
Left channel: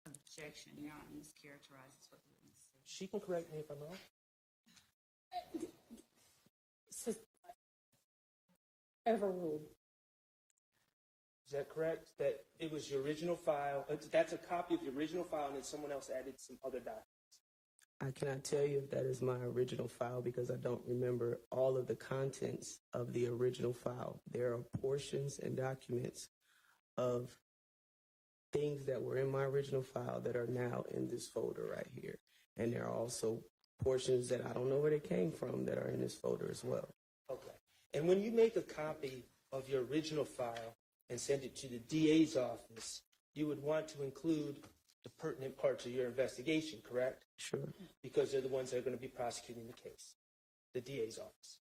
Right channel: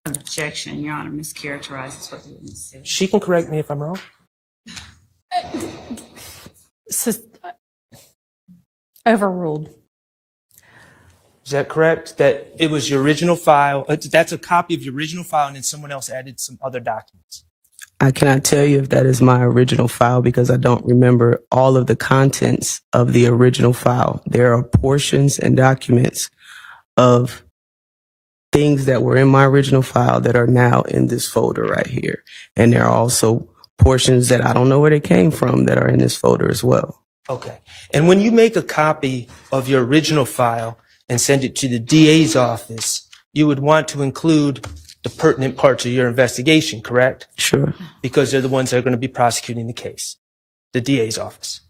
Objection, Your Honor, mischaracterizes what the witness said. She can correct me if I'm wrong. Overruled. Is that correct? That it was your original file? That's a copy of your original file, and then someone else added some other documents. I cannot tell you if that is my original file because I don't remember all of the contents of the original file. There are portions and documents of things that were in my original file that are now in this folder right here. And there are also portions that I don't know where they came from that are in this folder as well. Okay. And when you make a copy of your original file and send it to the DA's office, you would want to include the pertinent parts of your investigation, correct? Sure. Because they're the ones that are going to be prosecuting the case, the DA's office.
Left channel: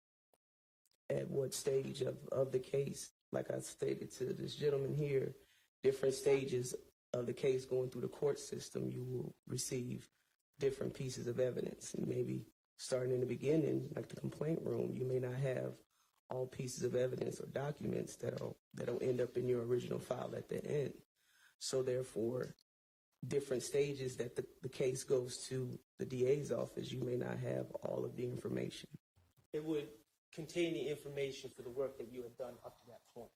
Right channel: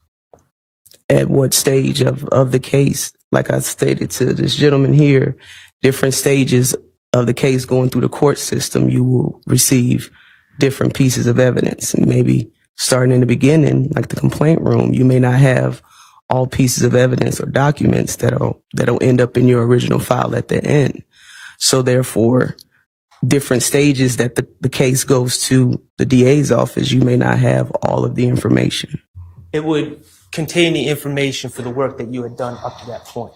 At what stage of the case? Like I stated to this gentleman here, different stages of the case going through the court system, you will receive different pieces of evidence. And maybe starting in the beginning, like the complaint room, you may not have all pieces of evidence or documents that'll end up in your original file at the end. So therefore, different stages that the case goes to the DA's office, you may not have all of the information. It would contain the information for the work that you had done up to that point.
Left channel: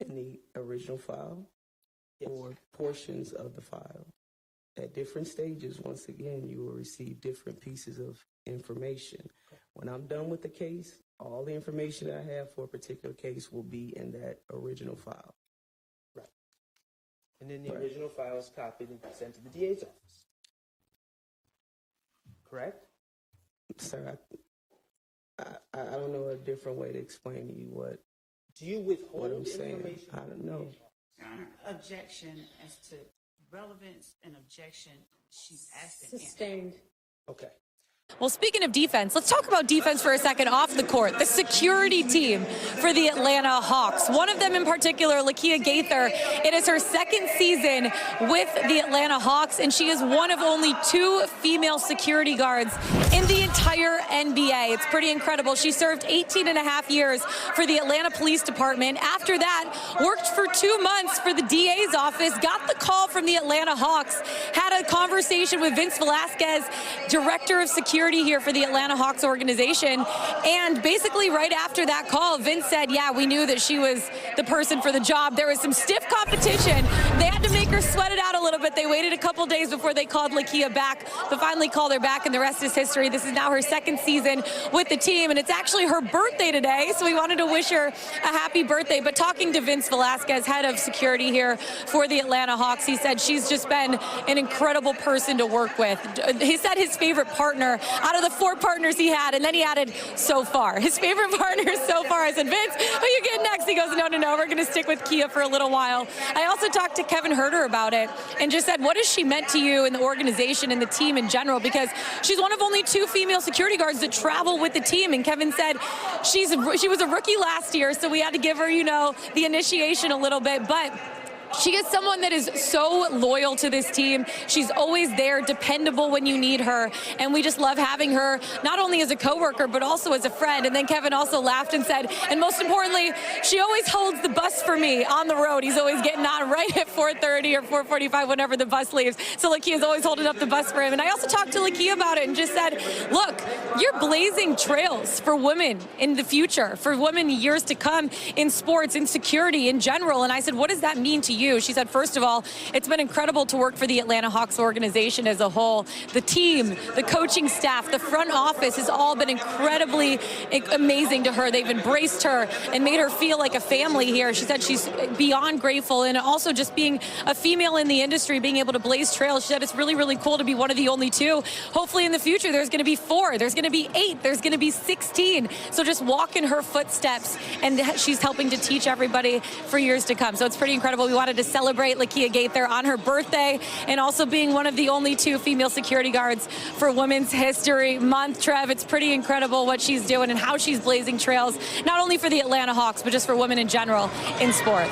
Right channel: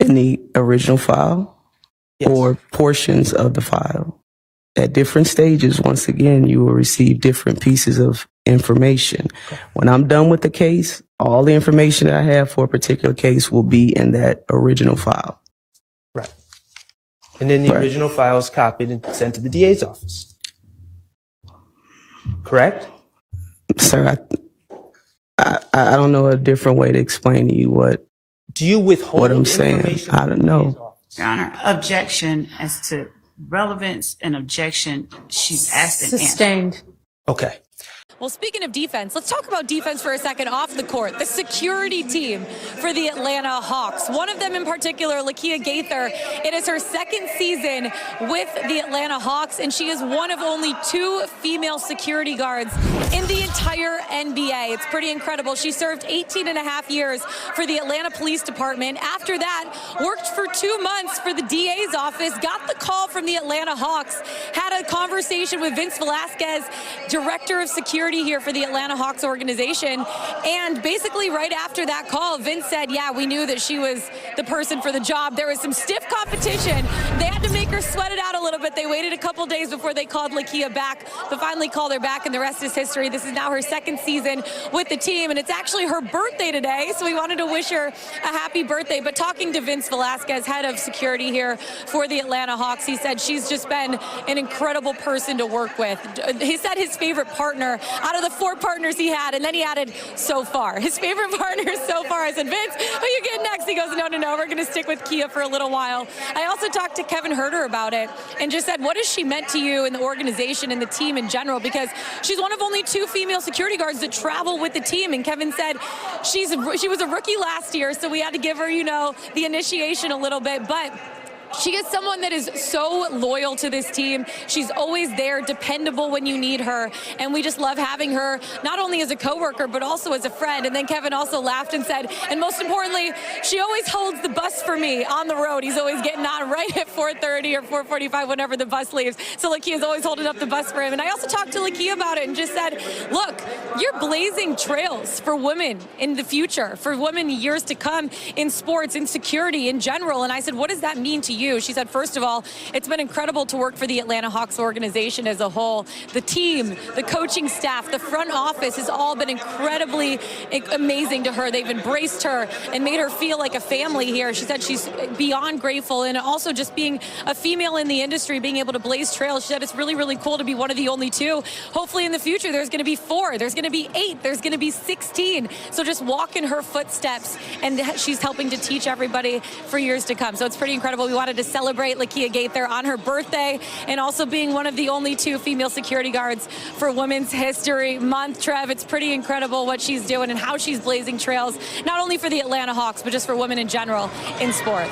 In the original file? Yes. Or portions of the file. At different stages, once again, you will receive different pieces of information. Okay. When I'm done with the case, all the information that I have for a particular case will be in that original file. Right. And then the original file is copied and sent to the DA's office. Correct? Sir, I don't know a different way to explain to you what I'm saying. I don't know. Your Honor, objection as to relevance and objection. She's asked and answered. Sustained. Okay. Well, speaking of defense, let's talk about defense for a second off the court. The security team for the Atlanta Hawks. One of them in particular, Gaither, it is her second season with the Atlanta Hawks, and she is one of only 2 female security guards in the entire NBA. It's pretty incredible. She served 18 and a half years for the Atlanta Police Department. After that, worked for 2 months for the DA's office, got the call from the Atlanta Hawks, had a conversation with Vince Velasquez, director of security here for the Atlanta Hawks organization. And basically right after that call, Vince said, yeah, we knew that she was the person for the job. There was some stiff competition. They had to make her sweat it out a little bit. They waited a couple days before they called Lakia back, but finally called her back, and the rest is history. This is now her second season with the team, and it's actually her birthday today, so we wanted to wish her a happy birthday. But talking to Vince Velasquez, head of security here for the Atlanta Hawks, he said she's just been an incredible person to work with. He said his favorite partner out of the 4 partners he had, and then he added so far. His favorite partner so far. I said, Vince, who you get next? He goes, no, we're going to stick with Kia for a little while. I also talked to Kevin Herter about it and just said, what has she meant to you in the organization and the team in general? Because she's one of only 2 female security guards that travel with the team. And Kevin said she was a rookie last year, so we had to give her, the initiation a little bit. But she is someone that is so loyal to this team. She's always there, dependable when you need her. And we just love having her, not only as a coworker, but also as a friend. And then Kevin also laughed and said, and most importantly, she always holds the bus for me on the road. He's always getting on right at 4:30 or 4:45 whenever the bus leaves. So Lakia's always holding up the bus for him. And I also talked to Lakia about it and just said, look, you're blazing trails for women in the future, for women years to come in sports, in security, in general. And I said, what does that mean to you? She said, first of all, it's been incredible to work for the Atlanta Hawks organization as a whole. The team, the coaching staff, the front office has all been incredibly amazing to her. They've embraced her and made her feel like a family here. She said she's beyond grateful, and also just being a female in the industry, being able to blaze trails. She said it's really, really cool to be one of the only 2. Hopefully in the future, there's going to be 4, there's going to be 8, there's going to be 16. So just walk in her footsteps, and she's helping to teach everybody for years to come. So it's pretty incredible. We wanted to celebrate Gaither on her birthday, and also being one of the only 2 female security guards for Women's History Month. Trev, it's pretty incredible what she's doing and how she's blazing trails, not only for the Atlanta Hawks, but just for women in general in sports.